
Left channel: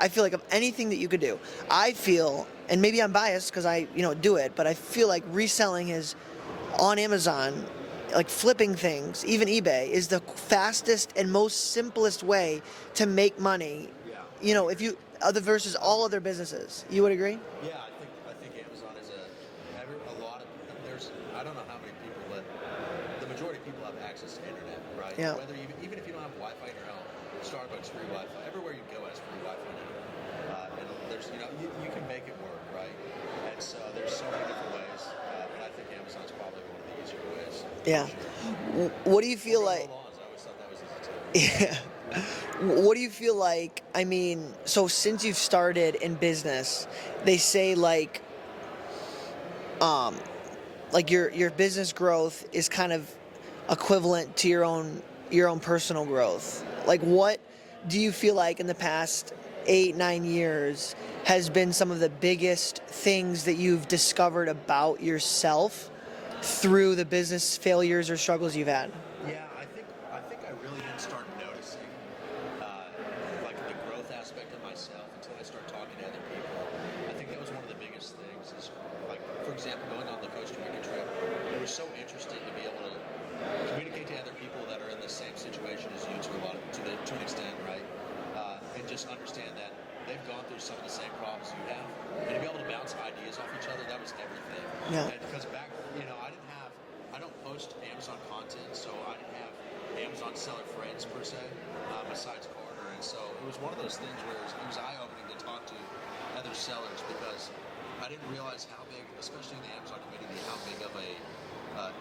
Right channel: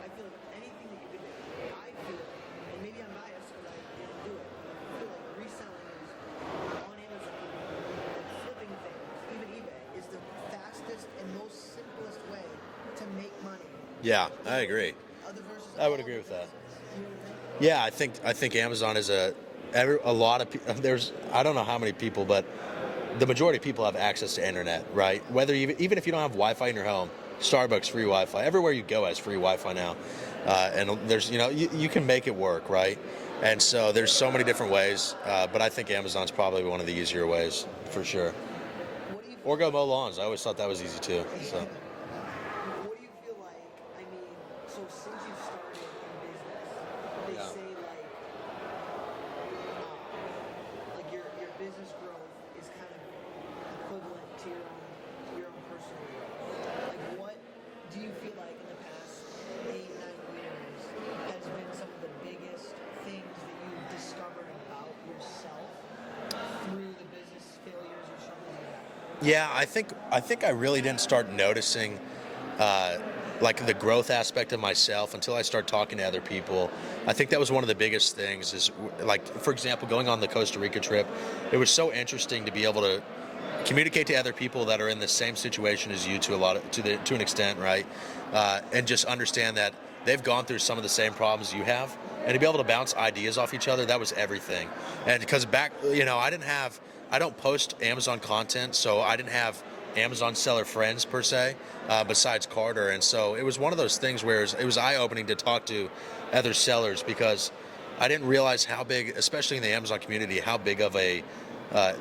I feel like of anything that you could do, I feel, and maybe I'm biased because I do it, but I feel like reselling is on Amazon, like flipping things, even eBay, is the fastest and most simplest way to make money. Yeah, You I know, agree. if you other versus would all agree other with that. businesses. You would agree? Yeah, I think Amazon is a lot of there's I don't know how many people, but the majority of people have access to internet, right? Yeah. Whether even if you don't have Wi-Fi in your home, Starbucks free Wi-Fi. Everywhere you go has free Wi-Fi now, and there's you can make it work, right? And so there's so many different ways, but I think Amazon's probably one of the easier ways Yeah. for sure. What do you feel Or go like? mow lawns. I always thought that was easy too. What do you feel like? I mean, so since you've started in business, they say like your business growth is kind of equivalent to your own personal growth. Like, what do you feel like in the past 8-9 years has been some of the biggest things that you've discovered about yourself through the business failures or struggles you've had? Yeah, I think I really didn't start noticing like the growth aspect of myself until I started talking to other people. I think that was one of the biggest things is like, for example, going on the Costa Rica trip, it was so interesting to be able to communicate to other people that are in the same situation as you to an extent, right? And just understand that they've gone through some of the same problems you have, and to be able to bounce ideas off each other, that was everything. Yeah. And because I don't post Amazon content, so I didn't have Amazon seller friends per se, besides Garder. And so it was one of those things where it was eye-opening to talk to other sellers, because I didn't realize how big, especially in the Amazon community, how big of a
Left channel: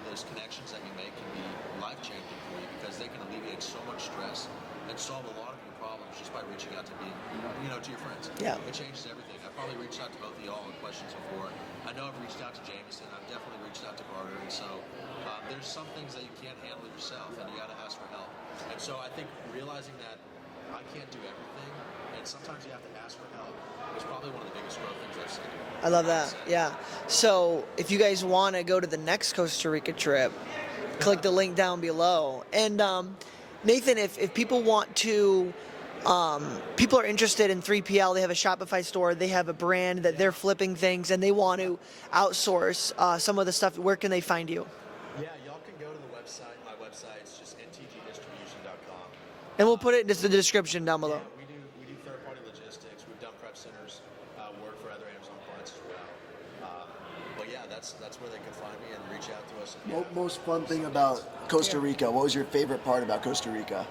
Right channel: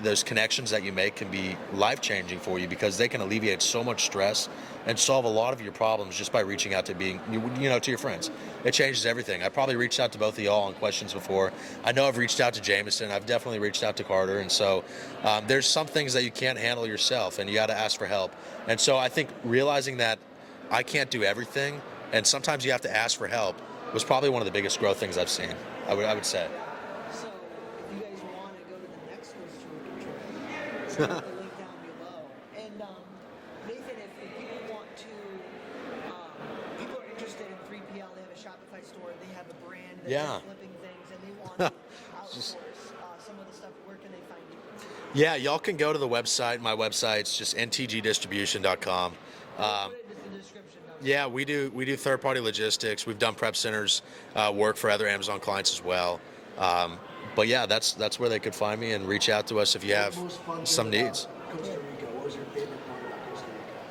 those connections that you make can be life-changing for you, because they can alleviate so much stress and solve a lot of your problems just by reaching out to to your friends. Yeah. It changes everything. I probably reached out to both of y'all on questions before. I know I've reached out to Jameson. I've definitely reached out to Garder. And so there's some things that you can't handle yourself, and you got to ask for help. And so I think realizing that I can't do everything, and sometimes you have to ask for help, was probably one of the biggest growth things I've seen. I love would that. say. Yeah. So if you guys want to go to the next Costa Rica trip, click the link down below. And Nathan, if people want to, people are interested in 3PL, they have a Shopify store, they have a brand that they're Yeah. flipping things, and they want to outsource some of the stuff, where can they find you? Yeah, y'all can go to the website. My website's just ntgdistribution.com. And we'll put it in the description down below. Yeah, we do third-party logistics. We've done prep centers work for other Amazon clients as well. But yeah, that's where they could find me, and reach out to us if you have Most fun thing some about needs. Costa Rica. What was your favorite part about Costa Rica?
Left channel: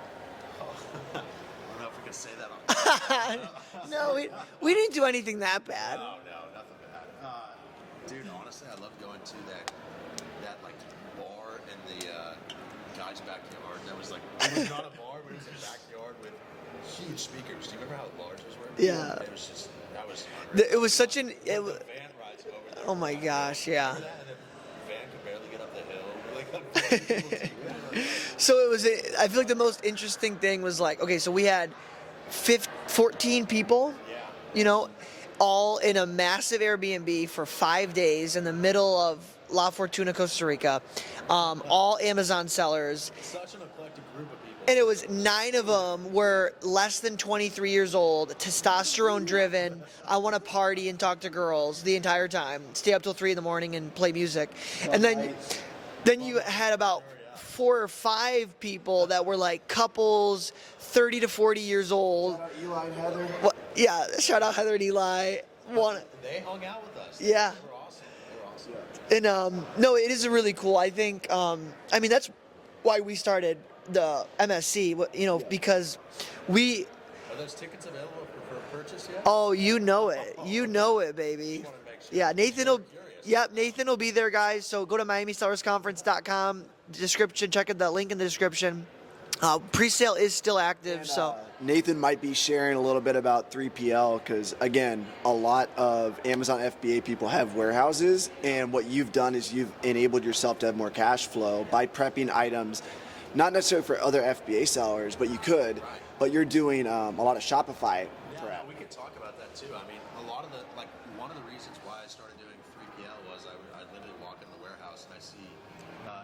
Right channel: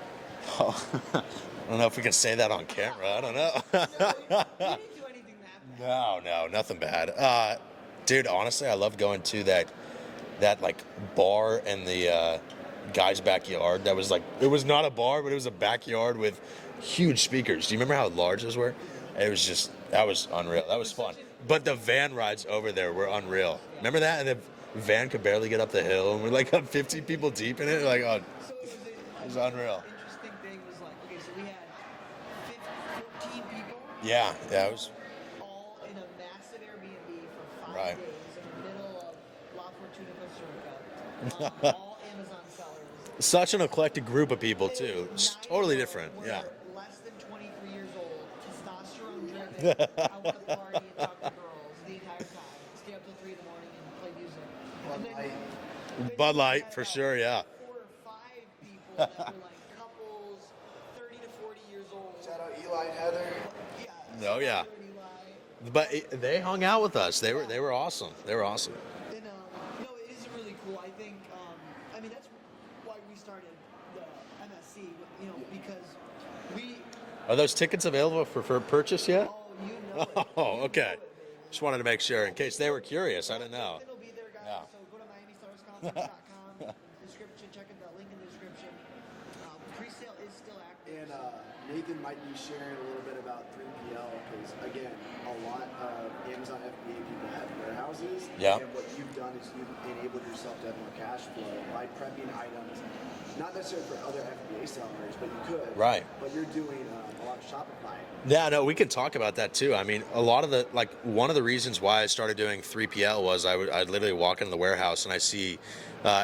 I don't know if we can say that on camera. I don't know. No, we didn't do anything that bad. No, nothing bad. Dude, honestly, I loved going to that like bar in the guy's backyard. That was like, it was not a bar, but it was a backyard with huge speakers. Do you remember how large those were? Yeah. That was unreal. It That was such fun. an- But it the was- van rides over there Oh were my unreal. gosh, yeah. Remember that? And the van could barely get up the hill, and we're like 15 people deep in it. Like, oh, So it was, I feel like the Unreal. most interesting thing was like, okay, so we had 14 people. yeah. You know, all in a massive Airbnb for 5 Right. days in the middle of La Fortuna, Costa Rica. All Amazon sellers. Such an eclectic group of people. And it too. was It's 9 totally of them different. were less than 23 years old, testosterone driven. I want to party and talk to girls the entire time, stay up till 3 in the morning and play music. And then Bud you Light, had for about sure, yeah. 4 or 5 people that were like couples, 30 to 40 years old. Eli and Heather. Well, yeah, shout out yeah. Heather and Eli. But they hung out with us. They Yeah. were awesome. They were awesome. And no, it is really cool. I think I mean that's why we started the MSC, because we Are those tickets available for purchase yet? you know it. Oh, You okay. know it, baby. Just wanted to make sure. Yeah, in case Nathan they will were curious. I Yep, didn't know. Nathan will be there, guys. So go to MiamiSellersConference.com. Description, check out that link in the description. Pre-sale is still active, so Nathan might be sharing a little bit about 3PL because, again, a lot of Amazon FBA people have warehouses, Yeah. and what you've done is you've enabled yourself to have more cash flow by prepping items, not necessarily for other FBA sellers, but you could. Right. But you're doing a lot of Shopify. Yeah, no, we can talk about that too. I mean, a lot of one of the reasons why I started doing 3PL was I'd literally walk into the warehouse and I see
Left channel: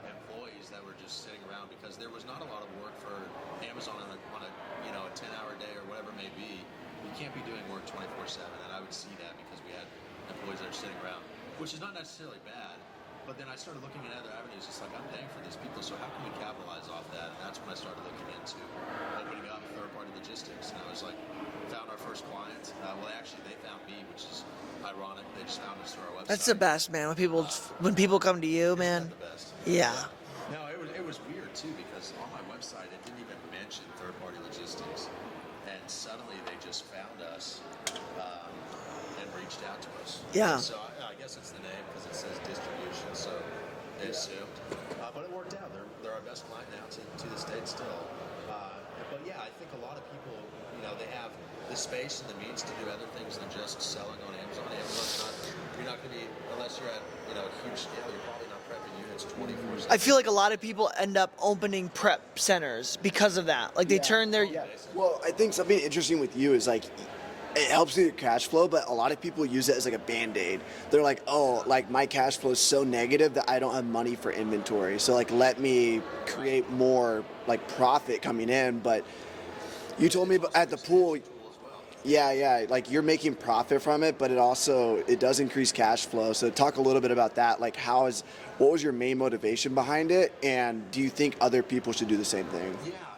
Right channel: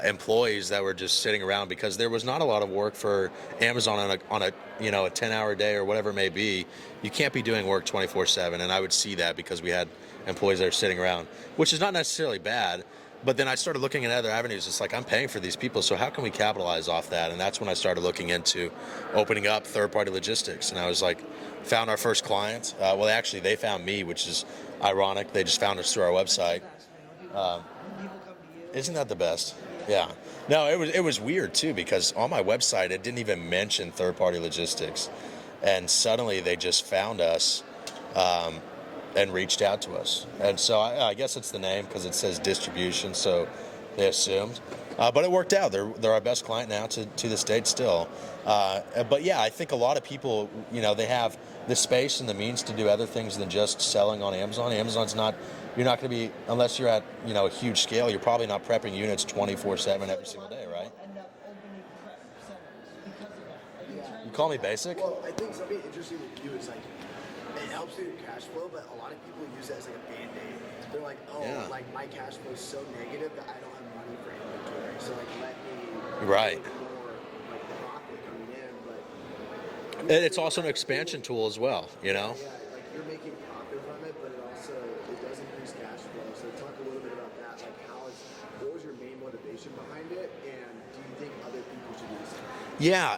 employees that were just sitting around because there was not a lot of work for Amazon on a 10-hour day or whatever it may be. You can't be doing work 24/7, and I would see that because we had employees that are sitting around, which is not necessarily bad. but then I started looking at other avenues. It's like, I'm paying for these people, so how can we capitalize off that? And that's when I started looking into opening up third-party logistics. And I was like, found our first client. Well, actually, they found me, which is ironic. They just found us through our website. That's the best, man. When people come to you, man. Isn't that the best? Yeah. Yeah. No, it was weird too, because on my website it didn't even mention third-party logistics, and suddenly they just found us and reached out to us. Yeah. And so I guess it's the name because it says distribution, so they assumed. But it worked out. They're our best client now to this date still. But yeah, I think a lot of people, they have the space and the means to do other things than just selling on Amazon. Amazon's not. You're not going to be, unless you're at a huge scale, you're probably not prepping units 24/7. I feel like a lot of people end up opening prep centers because of that. Like they turn their Call me basic. Well, I think something interesting with you is like it helps with your cash flow, but a lot of people use it as like a band-aid. They're like, like my cash flow is so negative that I don't have money for inventory. So like let me create more like profit coming in, but you told it's me also at an the expansion pool, tool as well. Yeah. Like you're making profit from it, but it does increase cash flow. So talk a little bit about that. Like what was your main motivation behind it? And do you think other people should do the same thing? Yeah.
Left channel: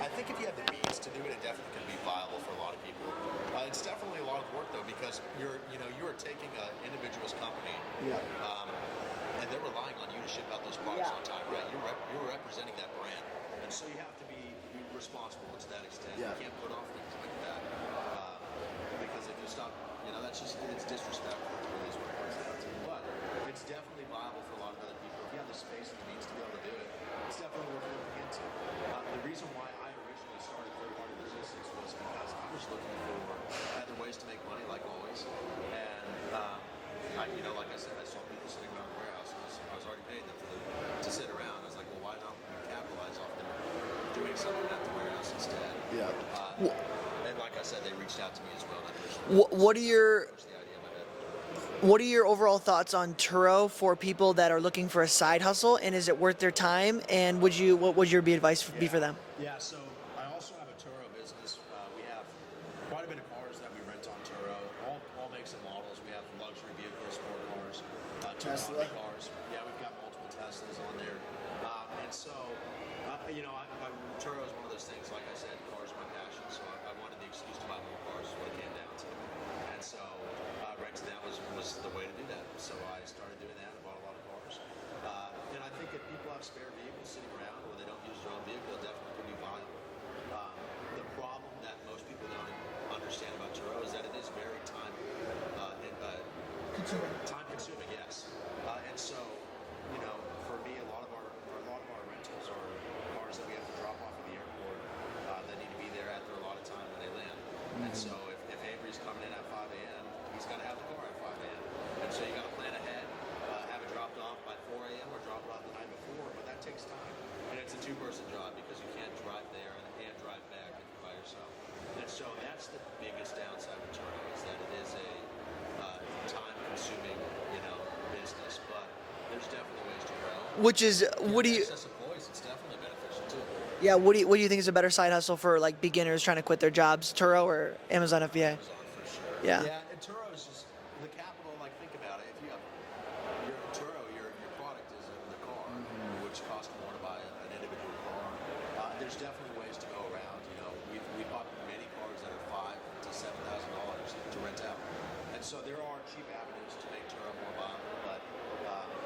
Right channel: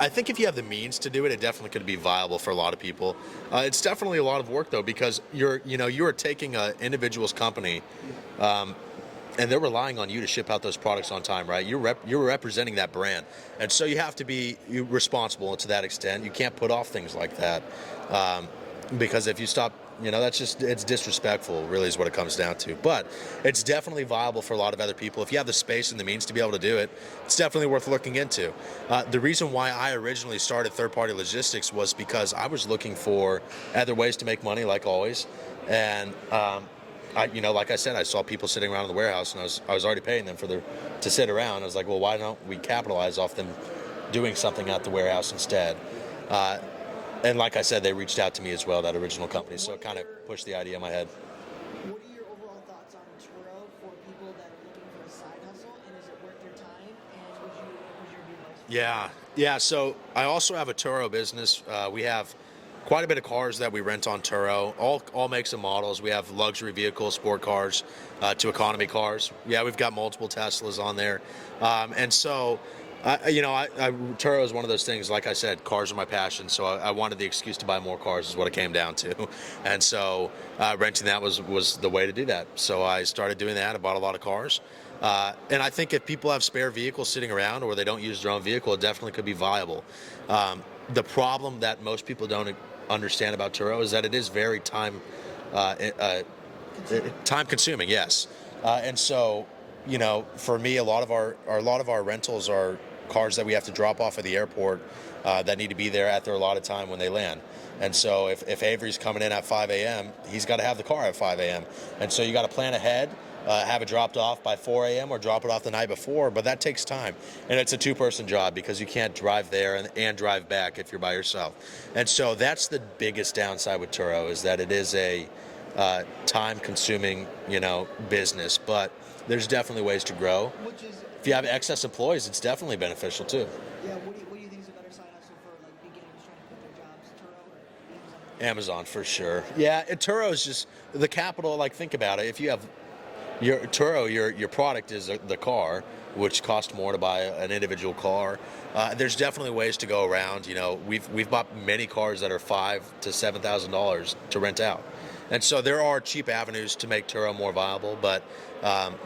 I think if you have the means to do it, it definitely could be viable for a lot of people. It's definitely a lot of work though, because you are taking an individual's company, and they're relying on you to ship out those products on time, right? You're representing that brand, and so you have to be responsible to that extent. You can't put off things like that, because if you stop, it's disrespectful. Really, is what it comes down to. But it's definitely viable for a lot of other people. If you have the space and the means to be able to do it, it's definitely worth looking into. The reason why I originally started third-party logistics was because I was looking for other ways to make money, like always, and like I said, I saw people sitting around in the warehouse, and I was already paying them to sit around. I was like, well, why don't we capitalize off them doing something at the warehouse instead? And like I said, they reached out to me as well, that original company. What so are it your pushed the idea in my head. What are your overall thoughts on Turo for people that are looking for a side hustle, and is it worth their time? And what would your advice be for them? Yeah. So I also have a Turo business. We have quite a bit of cars that we rent on Turo, all makes and models. We have luxury vehicles, sport cars, to economy cars. Yeah, we've got multiple Teslas on there, and so. Turo is one of those things. Like I said, cars are my passion, so I wanted the excuse to buy more cars. Is what it came down to, and so renting that was the way to do that. So I started doing that. I bought a lot of cars, and I think if people have spare vehicles sitting around or they don't use their own vehicle, it definitely could be viable. The problem that most people don't understand about Turo is that it is very time consuming. Yes, and so for me, a lot of our rentals are cars that we have to drop off at the airport that need to be there at their allotted time when they land. And so if Avery's coming in at 5 a.m., he's got to have the car at 5 a.m. And so you got to plan ahead, have it dropped off by 4 a.m. or drop it off the night before, but that takes time. And it's a two-person job because you can't drive there and drive back if you're by yourself. And so that's the biggest downside with Turo, is that it is a time-consuming, business, but there's definitely ways to grow. Which is, if you have excess employees, it's definitely beneficial too. Yeah, what do you think is a better side hustle for like beginners trying to quit their jobs, Turo or Amazon FBA? Amazon for sure. Yeah. And Turo is just the capital. Like, think about it. If you have your Turo, your product is the car, which costs more to buy an individual car. There's definitely ways to go around. We've bought many cars that are $5,000 to $7,000 to rent out. And so there are cheap avenues to make Turo more viable, but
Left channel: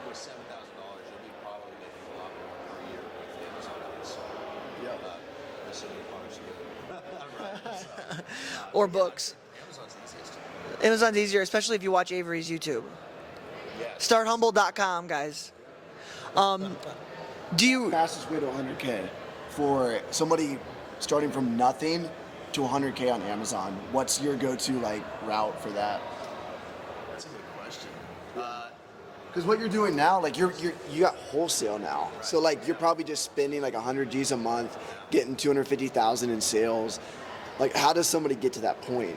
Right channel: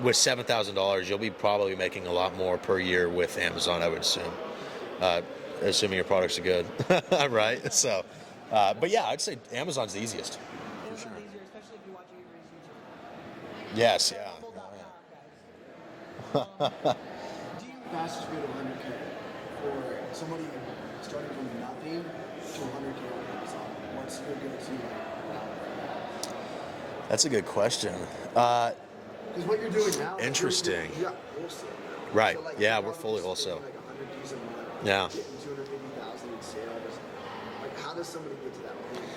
with $7,000, you'll be probably making a lot more per year with Amazon, I would assume, assuming your products are good, right? So, but yeah, I'd say Amazon's the easiest. Amazon's easier, especially if you watch Avery's YouTube. Yes. Starthumble.com, guys. Do you Fastest way to 100K for somebody starting from nothing to 100K on Amazon? What's your go-to route for that? That's a good question. Because what you're doing now, Interesting. you got wholesale now, Right. So Yeah, you're we're probably fully just spending wholesale. 100 G's a month, Yeah. getting 250,000 in sales. How does somebody get to that point?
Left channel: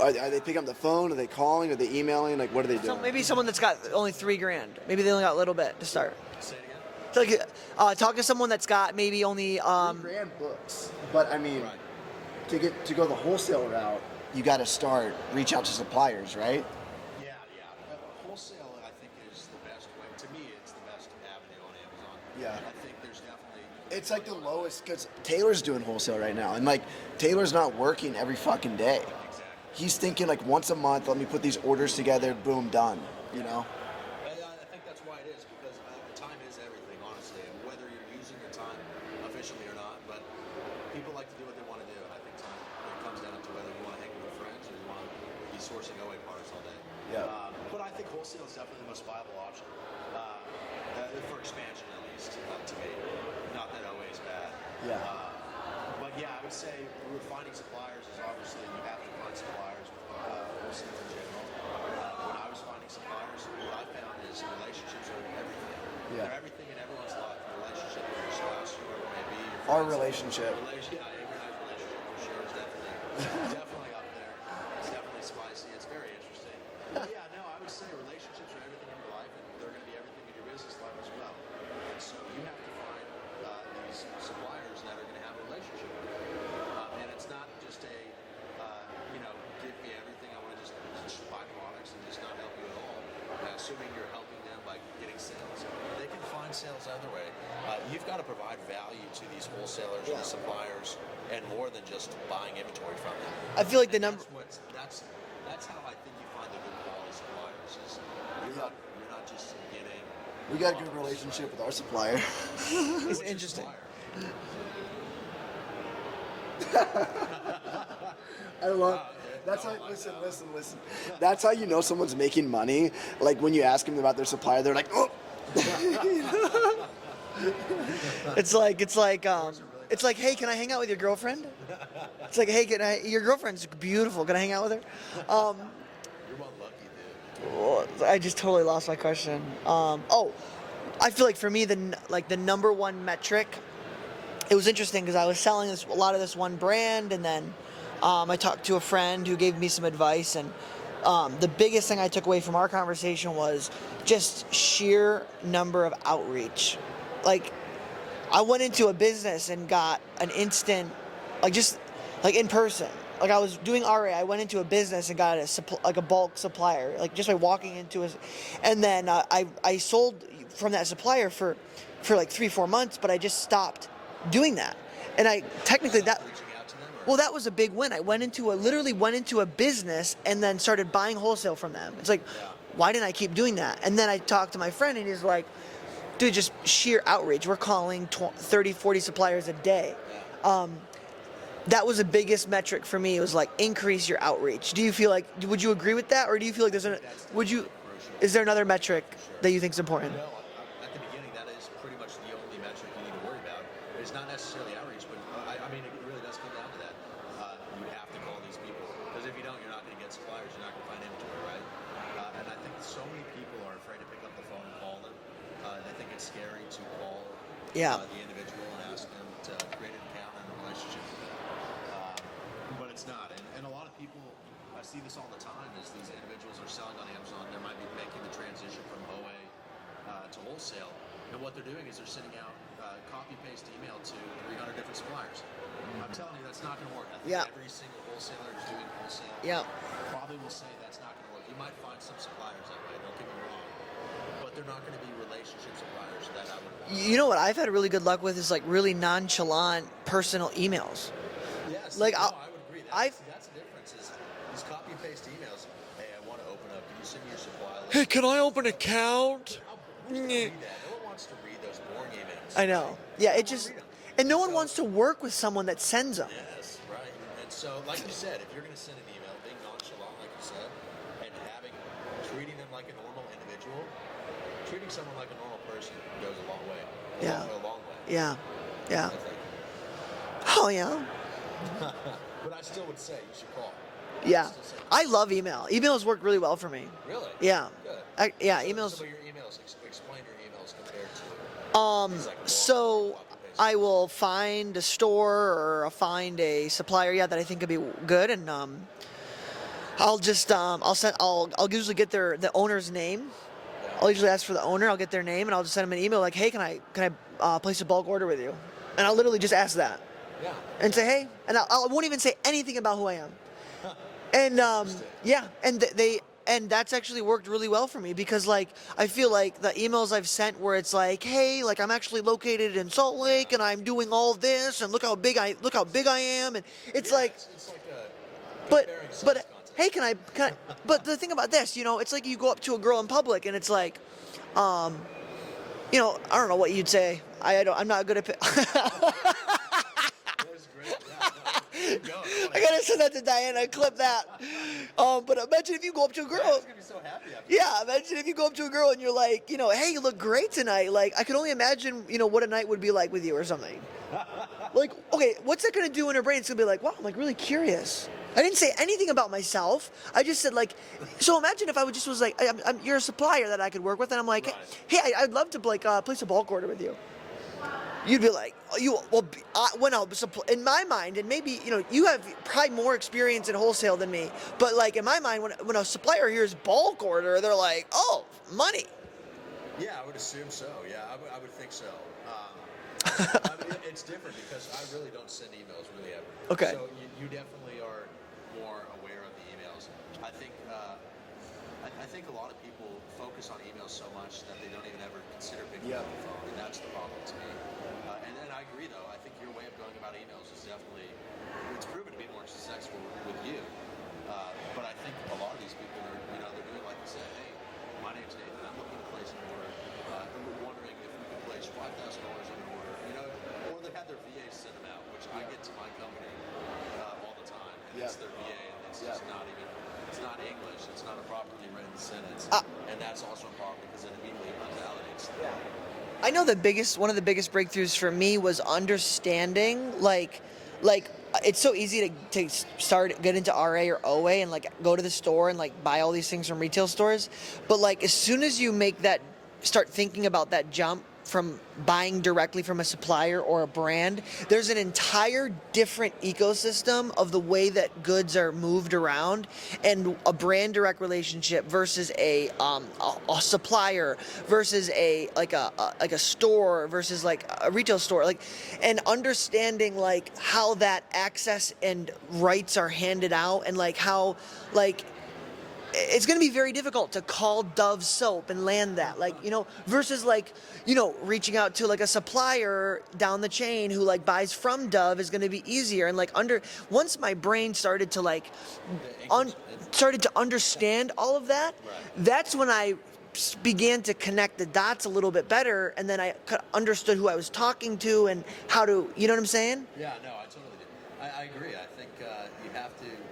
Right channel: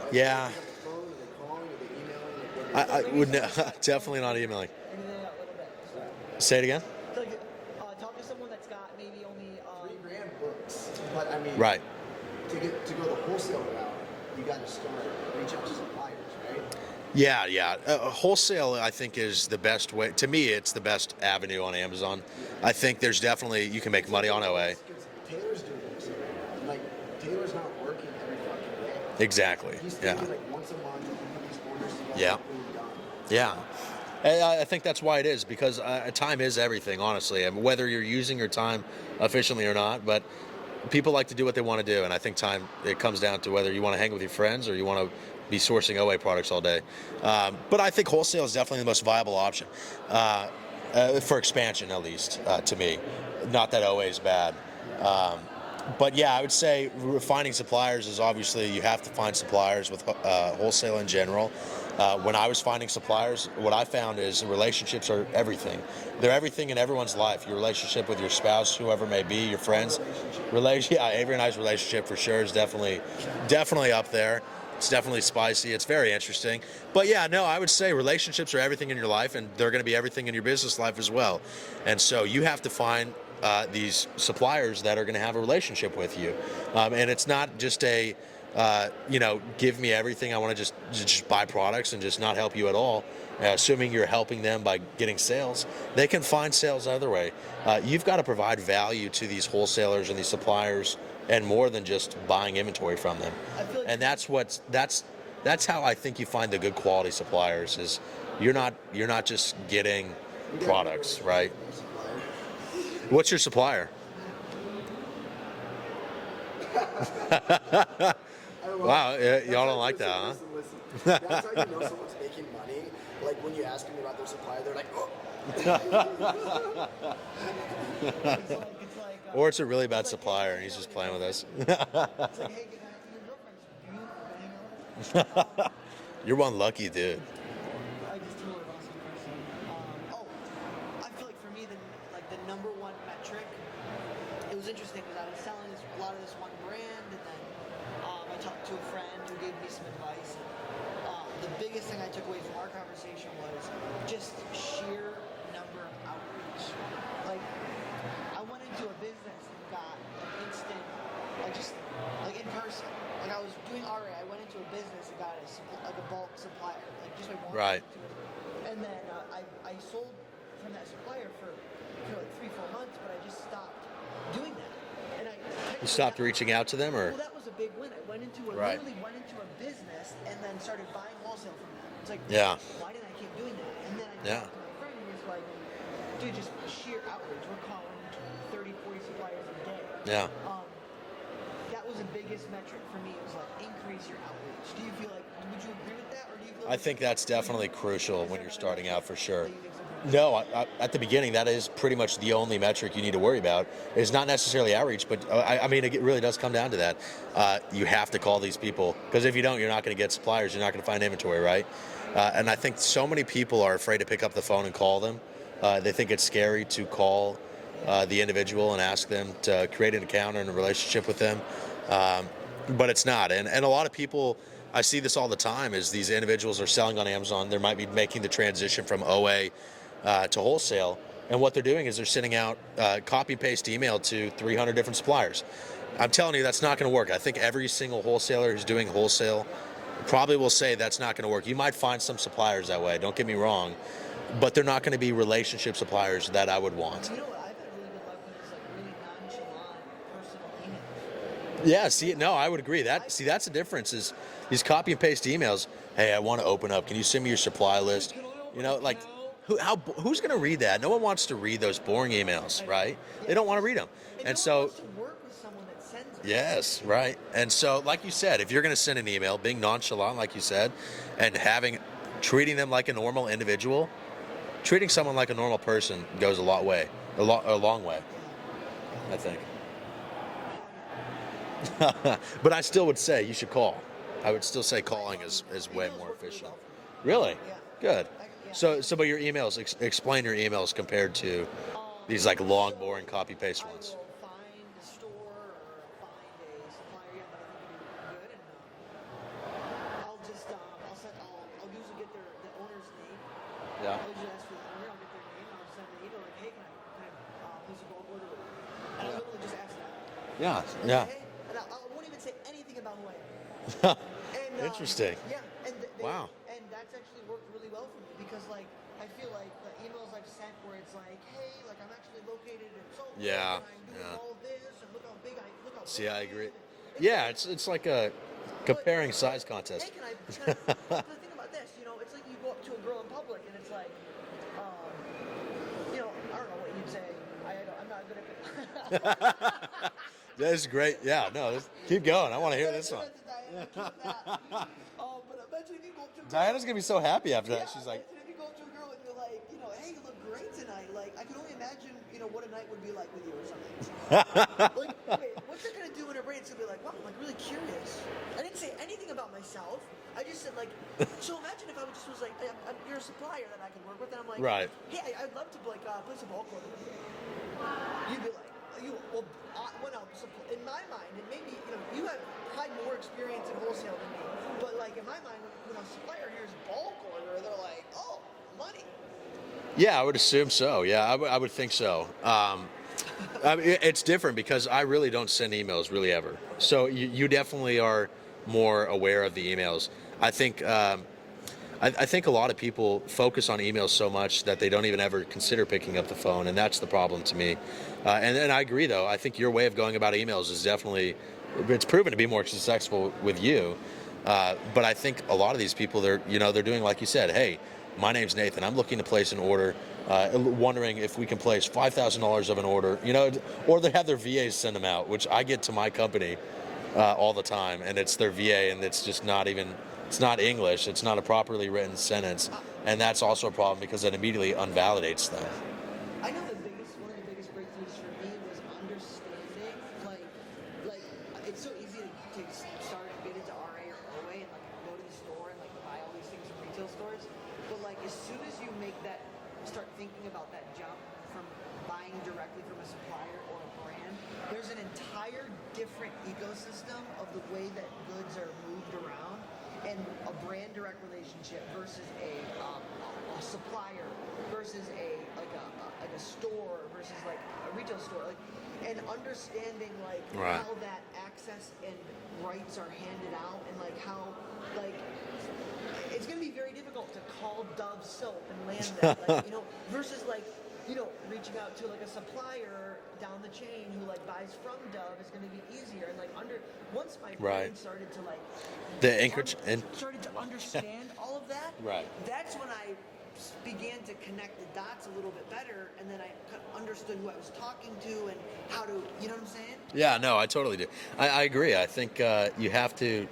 Are they picking up the phone? Are they calling? Are they emailing? What are they doing? maybe someone that's got only Definitely not $3,000. emailing. Maybe they only got a little bit to start. Say it again. So, talk to someone that's got maybe only $3,000 books, but I mean, Right. to go the wholesale route, you got to reach out to suppliers, right? Yeah. Wholesale, I think, is the best way. To me, it's the best avenue on Amazon. Yeah. I think there's definitely, you can make money on OA. Because Taylor's doing wholesale right now, and like Taylor's not working every fucking day. Exactly. He's thinking like once a month, let me put these orders together, Yeah. boom, done. you Yeah. know? And I think that's why it is, because time is everything, honestly. I mean, whether you're using your time efficiently or not, but people like to do what they want to do, and I think time, it comes down to whether you want to hang with your friends or you want to be sourcing OA products all day. Yeah. But I think wholesale is definitely the most viable option for expansion, at least to me. Not that OA is bad. Yeah. But yeah, I would say finding suppliers is obviously, you have to find suppliers with wholesale in general. When I was finding suppliers, what I found is relationships are everything. They're everything in everyone's life. Your relationship with your spouse, whoever it may be, your friends. relationship. Yeah, Avery and I's relationship for sure is definitely up there. It's definitely spicy. It's very interesting. But yeah, no, I would say relationships are everything in your life, and they're going to be everything in your business life as well. And so you have to find these suppliers that are going to have a relationship with you. And it's not just a, give me everything. I want to just buy products and just not help you at all. Assuming you're helping them by getting sales, they can find sales other way. You've got to provide value to these wholesalers and these suppliers, and more than just buying inventory from them. I feel like and that's how I think you find the good quality suppliers. Is you're not just getting We got a good products, relationship right? with our supplier. What's your supplier? Wow, y'all don't like that, huh? Listen. That's how you know someone's making money. Like when you ask them about their supplier, they're like, oh. It's like Or it's a really bad it's like, hey, supplier, can I he's hang out with just your playing with girlfriend? It's like, hey, your girlfriend's beautiful. Can I hang out with her? You're one lucky dude. I just totally lost my question. I feel like for me, the number one metric. It was interesting because I was selling a lot of this one brand, and then I talked to a friend who gave me some advice, and the biggest thing I took away from our conversation was just sheer number of outreach. Like, I went into a business and got an instant, in person. Like, I was doing RA, I went into a business and got a bulk supplier, like just by walking Right. into it. And then I sold from that supplier for like 3-4 months, but I just stopped doing that. And I technically Stopped reaching out to them, or well, that was a big win. I went into literally went into a business and then started buying wholesale from them. It's like, Yeah. why didn't I keep doing that? And then I talked to my friend, and he's like, dude, just sheer outreach. We're calling 30, 40 suppliers a day. yeah. That was the biggest metric for me. It was like, increase your outreach. Do you feel like, would you agree with that? Or do you feel like I think that's definitely crucial. Is there when you're another starting out, metric for sure. that you think is important? No, at the beginning, that is pretty much the only metric you need to worry about. It's not necessarily outreach, but I mean, it really does come down to that. You have to call these people, because if you don't, you're not going to get suppliers. You're not going to find inventory, right? And I think so many people are afraid to pick up the phone and call them. They think it's scary to call the individual and ask them to create an account and a relationship with them. But it's not. And a lot of people, I see this all the time, is these individuals are selling on Amazon. They might be making the transition from OA to wholesale. And what they're doing is they're sending out copy-paste email to 300 different suppliers. I'm telling you, that's not going to work. I think every single wholesaler who's doing wholesale probably will say that's not going to work. You might find some suppliers that way, don't get me wrong, but they're not going to be relationship suppliers that I would want. You know what I've had really good luck with is like really nonchalant personal emails. Yeah, see, Like, I would agree. That's the difference is these copy and paste emails. Hey, I want to open up. Can you send me your supply list? Hey, can I open an like, account? who's going to read that? No one wants to read those boring emails, I know. right? Yeah, they don't want to read them. And no one wants to work with someone that sends them. Yes, right. And so, like you said, if you're going to send an email, being nonchalant, like you said, and treating them like a normal individual, treating someone like a normal person goes a long way. Yeah. I think. Oh, yeah. But I still would say you should call. I would still say call. I love email. Emails work really well for me. Really? Yeah. Good. Emails. But your emails, explain your emails compared to these like long, boring copy paste. I will find a store or I'll find a supplier, that I think could be good, and I'll just I'll usually get the owner's name. Yeah. I'll usually ask for the owner. I'll get their name, and I'll just send them an email like, hey, can I place a bulk order with you? And I'll literally just ask that. Yeah. And say, hey, and I won't even say anything about who I am. And Interesting. yeah, and they Wow. and that's actually worked really well for me because like I feel like the emails I've sent where it's like, hey, like I'm actually located in Salt Lake Yeah, and I'm doing yeah. all this and look how big I See, I agree. am, and it's yeah, like it's like a but- comparing size but, contest. Hey, can I? But the thing about this, it's like you go up to a girl in public and it's like, I don't know what you'd say. I'm not good at. That is great. Yeah, no, keep going. I want to I hear gotta this. send that to Diana. Clip that. But imagine if you go up to a girl. Diana's gonna be so happy after Yeah, that. She's like, imagine if you go up to a girl and you're like, hey, you look great tonight. Like, I could only imagine, what a night would be like with you or something. Like, okay, what's that gonna do in her brain? It's gonna be like, wow, I'm like really curious. I didn't say anything about myself. I just said like, so imagine if I was like, you're a supplier that I could work with, and I'm like, Right. hey, I'd love to like place a bulk order with you. You'd be like, when I'll supply, in my mind, and maybe, you have probably more experience in wholesale than me, but like in my mind, when a supplier hears bulk order, they're like, oh, money. yeah, I would assume so. Yeah, I would think so. I mean, it's different because I really don't send emails really ever. Okay. So you definitely are more aware of the emails. I think I think a lot of people focus on emails so much that they don't even ever consider picking up the phone, and that's the problem to me. And I agree, though. I think your way of going about emails is definitely, it's proven to be more successful with you. But I think a lot of these people, they're doing like you said. Hey, my name's Nathan. I'm looking to place an order. Wondering if we can place $5,000 of an order. Or they have their VAs send them out, which I get to my company all the time, and it's their VA, and it's just not even. It's not English. It's not a properly written sentence, and that's also a problem because it immediately unvalidates them. I know one of the biggest breakthroughs for me was understanding, like it's so easy to get into RA or OA and like go to the store and like buy all these things from retail stores, but like as soon as you start thinking about that jump from buying directly from a supplier or a brand, there's an entire different ecosystem of the way that goods are moved around, and a brand direct relationship versus a supplier versus a store versus like a retail store, like, and understanding like how that access and rights are handed out, and like how like it's going to be very difficult to call Dove soap and land that, like, versus like, reaching out to like a supplier down the chain who like buys from Dove is going to be easier. And like once my brain Right. started to like, The anchorage started to understand all of that, Right. that's when I began to connect the dots a little bit better. And then I understood who I was talking to and how to, you know what I'm saying? Yeah, no, I totally do. I agree. I think you have to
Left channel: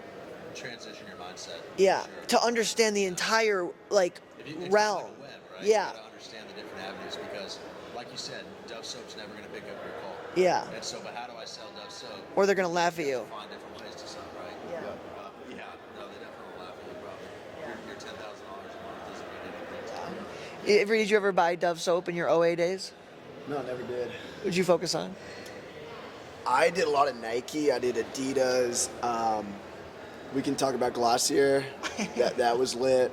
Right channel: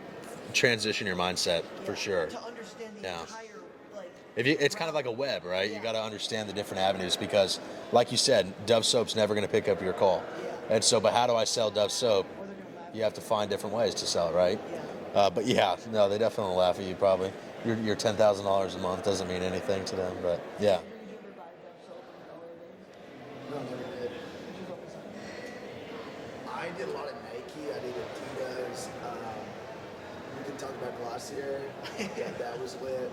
transition your mindset Yeah. for sure. To understand the entire like It's kind realm. of like a web, right? Yeah. You got to understand the different avenues because, like you said, Dove soap's never going to pick up your call. Yeah. And so, but how do I sell Dove soap? Or they're going to laugh You at have you. to find different ways to sell it, right? Yeah. But yeah, no, they definitely laugh at you. Probably your $10,000 a month doesn't mean anything to them. But yeah, Did you ever buy Dove soap in your OA days? No, never did. What'd you focus on? I did a lot of Nike. I did Adidas. We can talk about Glossier. that was lit.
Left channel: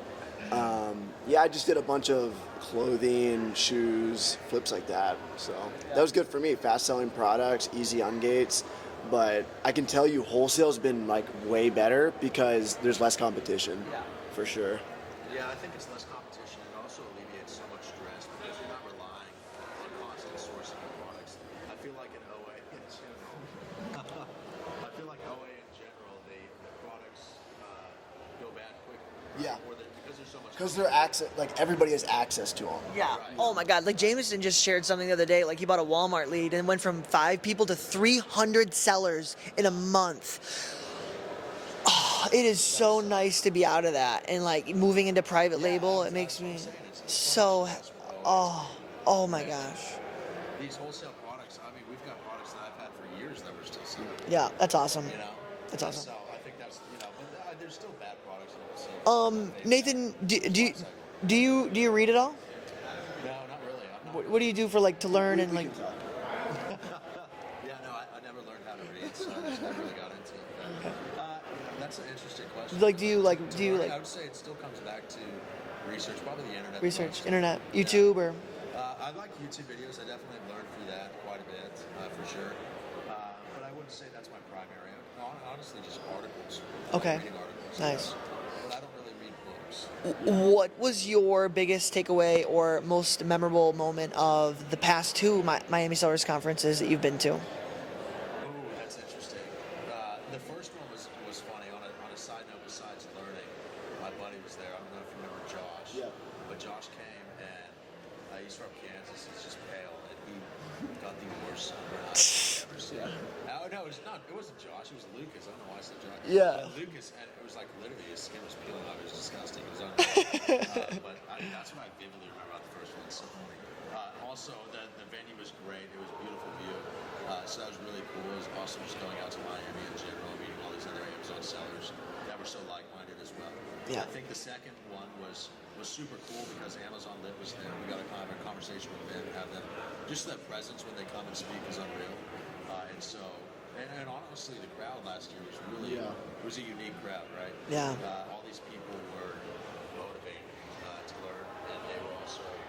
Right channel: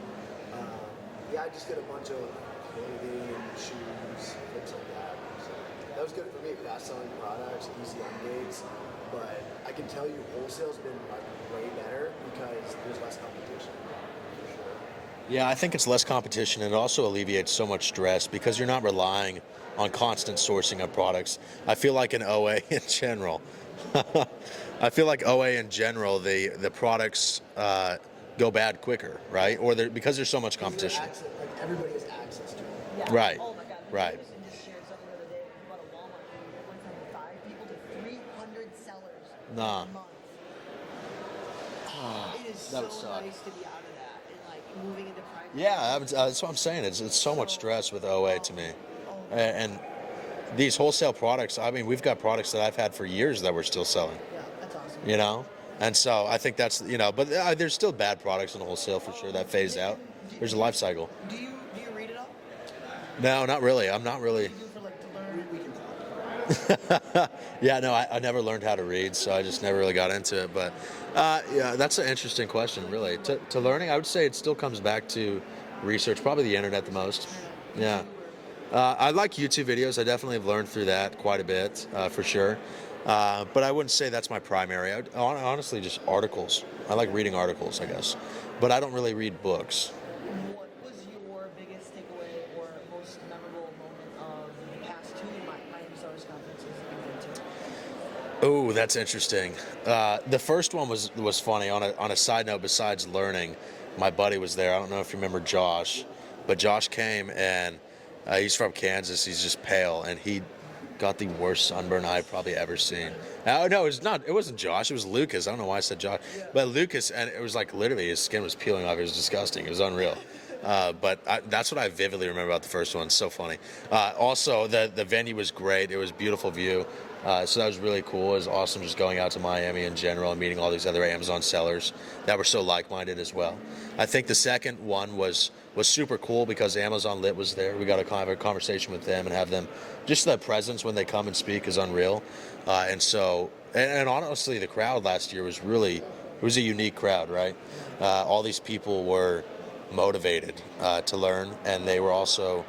Yeah, I just did a bunch of clothing, shoes, flips like that. So that was good for me. Fast selling products, easy on gates. But I can tell you wholesale's been like way better because there's less competition, for sure. yeah, I think it's less competition and it also alleviates so much stress because you're not relying on constant sourcing of products. I feel like in OA in general. I feel like OA in general, the products go bad quicker, right? Or because there's so much Because competition. like everybody has access to them. Yeah. Right. Oh my God. Like Right. Jameson just shared something the other day. Like he bought a Walmart lead and went from 5 people to 300 sellers in a month. Oh, it is so nice to be out of that and like moving into private label. That's what I'm saying. It's so much stress with OA to me. Oh my And gosh. these wholesale products, I mean, we've got products that I've had for years that we're still selling, Yeah, that's awesome. you know? That's And awesome. so I think that's, but there's still bad products in wholesale for sure that phase Nathan, out. There's a life cycle. Do you read it all? No, not really. I'm not really. What do you do for like to learn and like? Yeah, no, I never learned how to read, so I just never really got into it. But yeah, that's an interesting question. Like, do really. you, like, to do you, learning? like- I would say it still comes back to research, probably the internet the Research, most. internet, Yeah. YouTube, or I like YouTube videos. I definitely have learned through that quite a bit, for sure. But I wouldn't say that's my primary. Honestly, just articles. I like Okay. reading articles, I Nice. guess. But I don't really read books. What was your biggest takeaway or most memorable moment of the past two Miami Sellers conferences that you've been to? Oh, that's interesting. The first one was funny. On a side note, besides learning, my buddy was there. I don't know if you remember Josh, but Josh came and he's from Kansas. He's just pale, and he got the worst sunburn I've probably ever seen. No, it was not. It wasn't Josh. It was Lucas. I don't know why I said Josh. Yeah. But Lucas, and it was like literally his skin was peeling off. It was disgusting. It was unreal. That's what I vividly remember about the first one. It's so funny. Also, the venue was great. It was a beautiful view. So that was really cool. It was awesome just going out to Miami in general and meeting all these other Amazon sellers that were so like-minded as well. Yeah. I think the second one was super cool because Amazon Lit was there. We got to have a conversation with them and have them. Just the presence when they come and speak is unreal. And honestly, the crowd last year was really, it was a unique crowd, right? Yeah. All these people were motivated to learn, and they were also,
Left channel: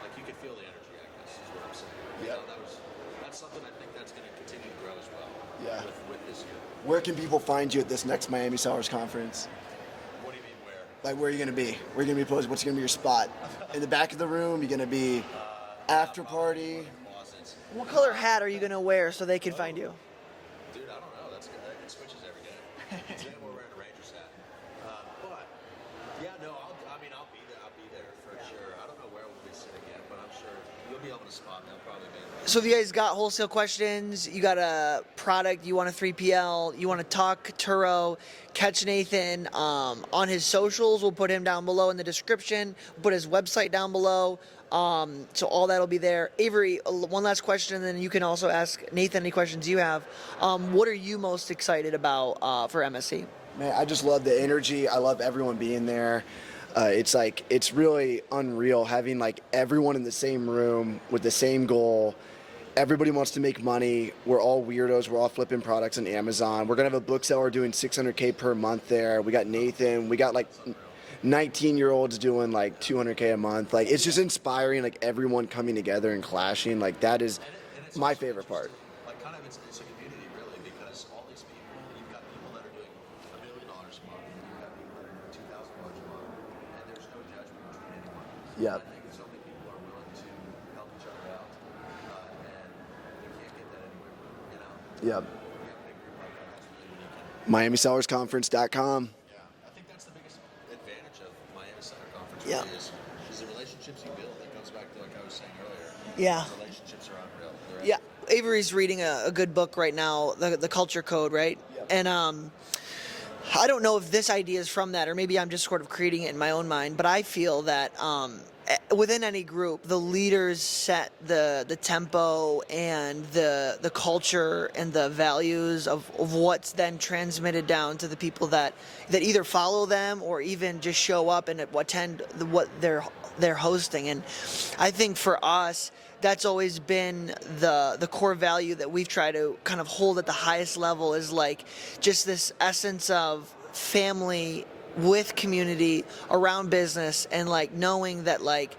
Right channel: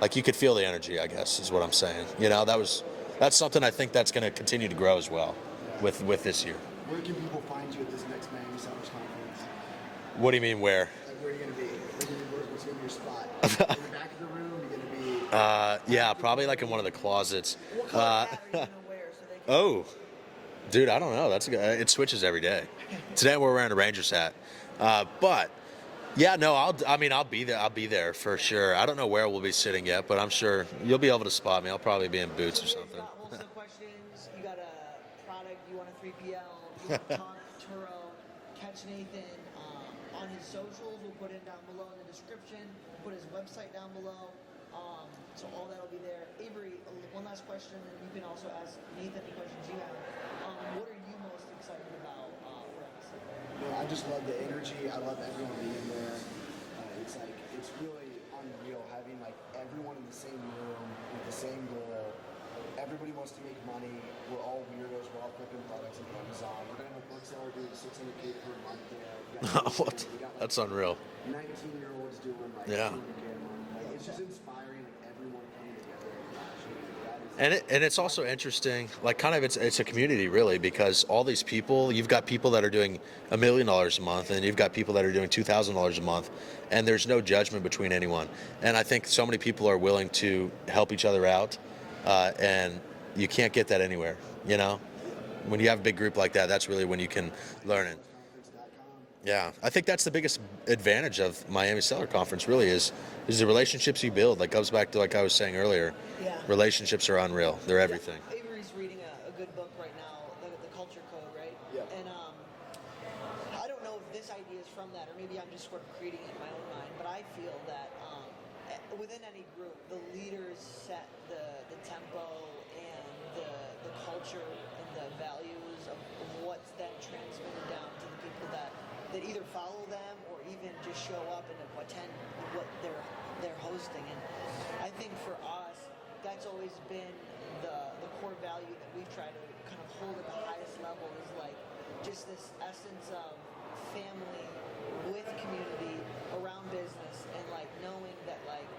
like, you could feel the energy, I guess, is what I'm saying. You know, that's something I think that's going to continue to grow as well with this year. Where can people find you at this next Miami Sellers Conference? What do you mean where? Like, where are you going to be? Where are you going to be posted? What's going to be your spot? In the back of the room? You're going to be Yeah, after probably like in party? one of the closets. What color hat are you going to wear so they can find you? Dude, I don't know. That's a good, it switches every day. Today we're wearing a Rangers hat, but yeah, no, I'll be there. I'll be there for sure. I don't know where we'll be sitting yet, but I'm sure you'll be able to spot me. I'll probably be in booths. So if you guys got wholesale questions, you got a product, you want a 3PL, you want to talk Turo, catch Nathan on his socials. We'll put him down below in the description. We'll put his website down below. So all that'll be there. Avery, one last question, and then you can also ask Nathan any questions you have. What are you most excited about for MSC? Man, I just love the energy. I love everyone being there. It's really unreal having like everyone in the same room with the same goal. Everybody wants to make money. We're all weirdos. We're all flipping products on Amazon. We're gonna have a book seller doing $600K per month there. We got Nathan. We got like That's unreal. 19-year-olds doing like Yeah. $200K a month. Like, it's just inspiring. Like, everyone coming together and clashing. Like, that is And it's my also favorite part. interesting, like kind of it's a community really, because all these people, you've got people that are doing $1 million a month, and you've got people that are doing $2,000 a month, and there's no judgment between anyone. And I think so many people are willing to help each other out, and you can't get that anywhere. You know, Yeah. when you have a big group like that, that's really when you can learn it. MiamiSellersConference.com. Yeah, I think that's the biggest advantage of Miami Seller Conference. Really is the relationships you build. That goes back to like I was saying earlier. Yeah. Relationships are unreal. They're everything. Yeah, Avery's reading a good book right now, the Culture Code, right? Yep. And I don't know if this idea is from that, or maybe I'm just sort of creating it in my own mind, but I feel that within any group, the leaders set the tempo and the culture and the values of what's then transmitted down to the people that either follow them or even just show up and attend what they're hosting. And I think for us, that's always been the core value that we've tried to kind of hold at the highest level, is like just this essence of family with community around business, and like knowing that like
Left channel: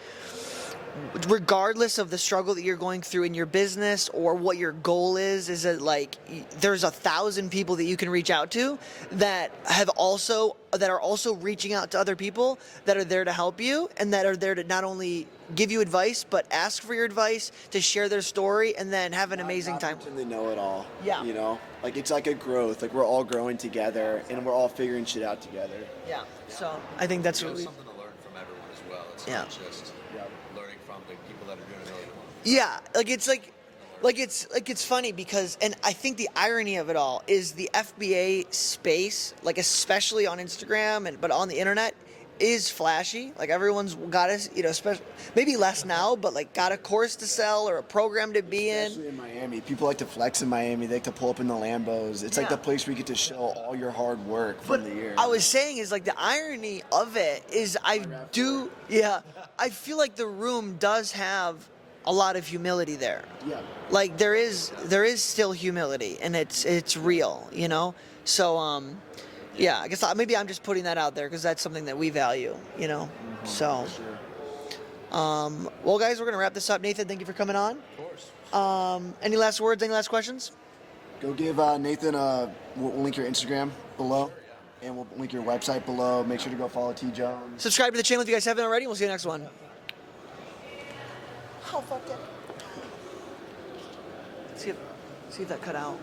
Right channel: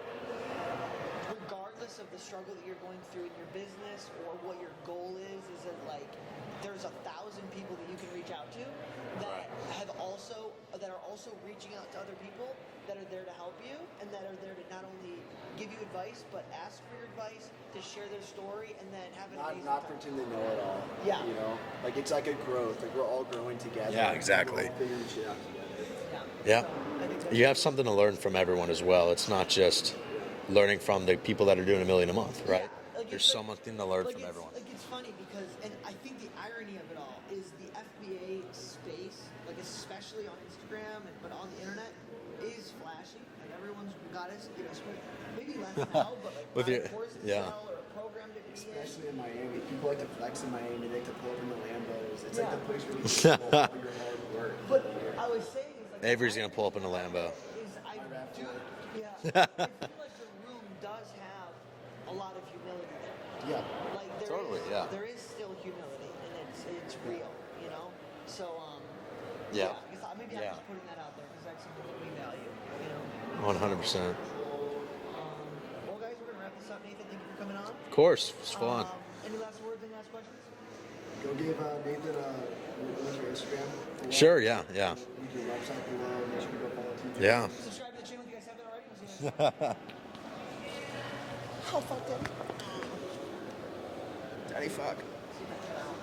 regardless of the struggle that you're going through in your business or what your goal is that like there's 1,000 people that you can reach out to that are also reaching out to other people that are there to help you, and that are there to not only give you advice but ask for your advice, to share their story, and then have an amazing time. Not pretend they know it all. Yeah. You know, like, it's like a growth. Like, we're all growing together. Yeah, And exactly. we're all figuring shit out together. Yeah. Yeah. So I think that's You have really- something to learn from everyone as well. It's not just learning from the people that are doing $1 million a month. Right? Yeah, like it's There's like something to learn like from it's everyone. like it's funny because, and I think the irony of it all is the FBA space, like especially on Instagram but on the internet, is flashy. Like everyone's got a, especially maybe less now, but like got a course to Yeah. sell or a program to be in. Especially in Miami. People like to flex in Miami. They like to pull up in the Lambos. It's like Yeah. the place where you get to show all your hard work from But the year. I was saying is like the Avery's gonna pull up irony in a of Lambo. it is I feel like the room does have a lot of humility there. Yeah. Like there is yeah. there is still humility, and it's real, So yeah, I guess maybe I'm just putting that out there because that's something that we value, So 100%. well, guys, we're gonna wrap this up. Nathan, thank you for coming on. Of course. It's fun. Any last words? Any last questions? Go give Nathan we'll link your Instagram below. Sure, yeah, yeah. And we'll link your website below. Make sure to go follow TJ. Yeah. Subscribe to the channel if you guys haven't already. We'll see you next one. Oh, fuck. Daddy, fuck. See if that cut out.